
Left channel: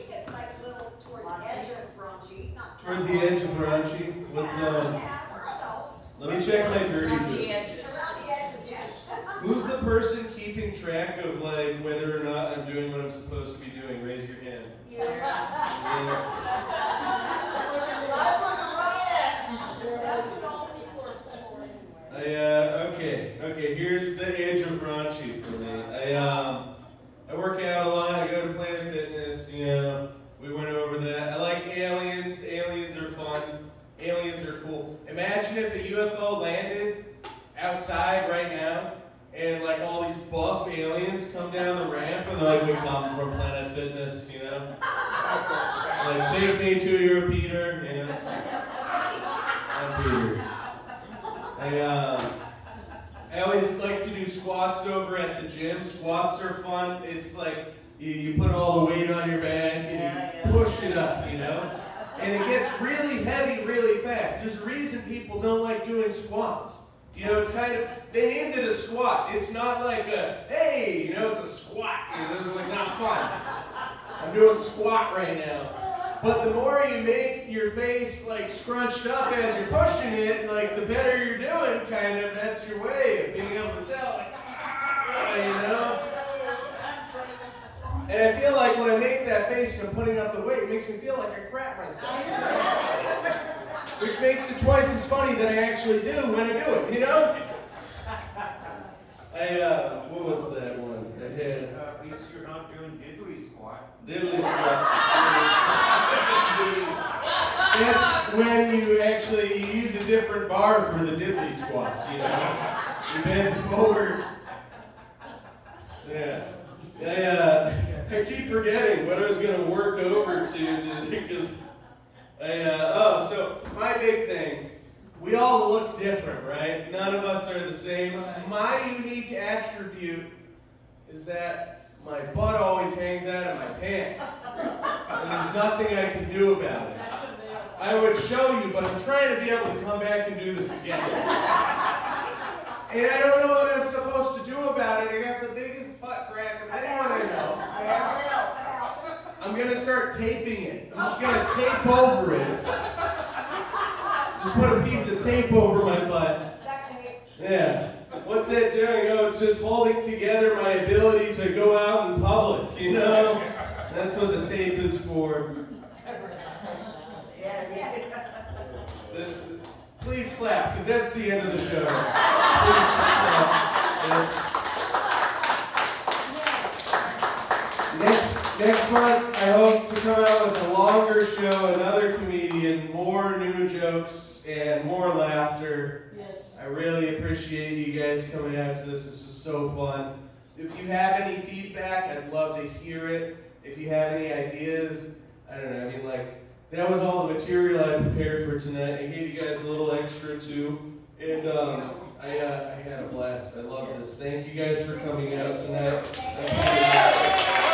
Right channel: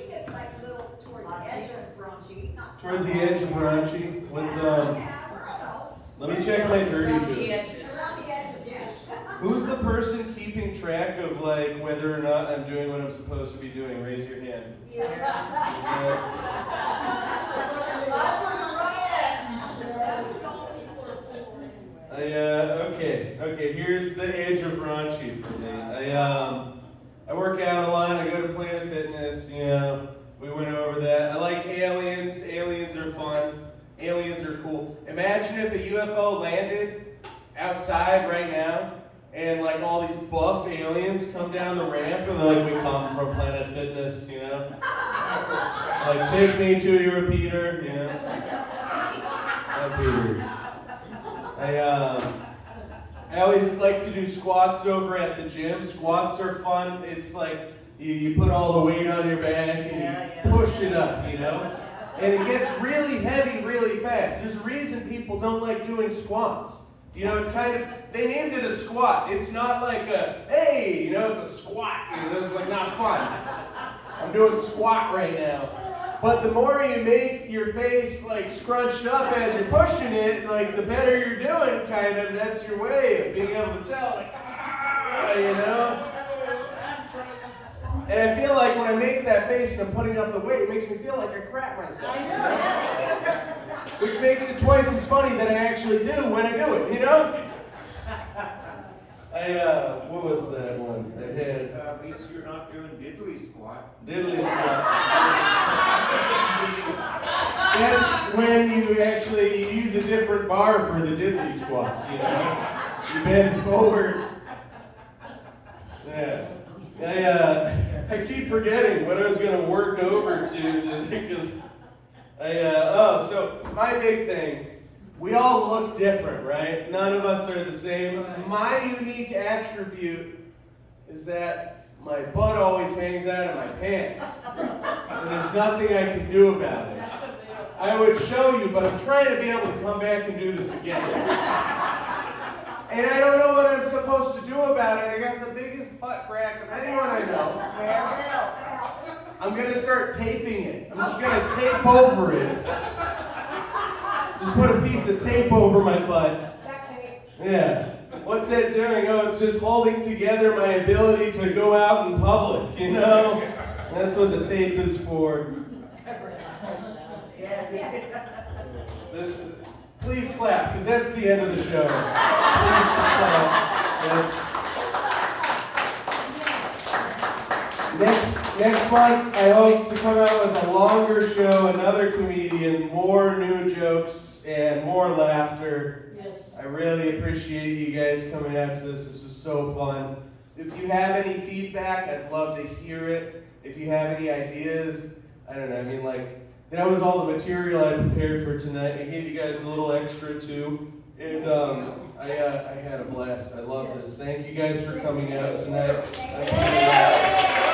get like a little towards the edge of raunchy. Towards the edge of raunchy? What's let me check my dirty jokes. Around the edges, yes. Who's the person keeping track of like whether or not I'm doing what I'm supposed to be doing? Raise your hand. Okay, here's the edge of raunchy for me. I work out a lot, I go to Planet Fitness, you know, we went over that. I like aliens, aliens are fun, aliens are cool. Imagine if a UFO landed outside right now, and like all these buff aliens come down the ramp, and they're like, we come from Planet Fitness, you know? Like, take me to your Peter, you know? That'd be weird. I always like to do squats over at the gym. Squats are fun. It's like you put all the weight on your back and you push it up, you know? And it gets really heavy really fast. There's a reason people don't like doing squats. You know, it's kind of, they named it a squat. It's not like a, hey, you know, it's a squat. You know, it's like not fun. I'm doing squat right now. But the more you make your face like scrunched up as you're pushing it, like the better you're doing, kind of. That's your way of being able to tell, like, you know? And I feel like when I make that face and I'm putting up the weight, it makes me feel like I crap myself. which makes it twice as funny than I actually do when I do it, you know? What was that one? I had At least you're not doing diddly squat. diddly squat. That's when you actually use a different bar for the diddly squats, you know? You bend forward. Yeah. I keep forgetting what I was going to work over to because so my big thing, we all look different, right? None of us are the same. My unique attribute is that my butt always hangs out of my pants. And there's nothing I can do about it. I would show you, but I'm trying to be able to come back and do this again. And I don't know what I'm supposed to do about it. I got the biggest butt crack of anyone I know. I'm going to start taping it. I'm just going to tape over it. Just put a piece of tape over my butt. Yeah. What's that doing? Oh, it's just holding together my ability to go out in public, you know? That's what the tape is for. Please clap, because that's the end of the show. Please clap. Next month, I hope to come out with a longer show, another comedian, more new jokes, and more laughter. Yes. I really appreciate you guys coming out to this. This was so fun. If you have any feedback, I'd love to hear it. If you have any ideas, I don't know, I mean, like, that was all the material I prepared for tonight. I gave you guys a little extra too, and I had a blast. I love this. Thank you guys for coming out tonight. Thank you.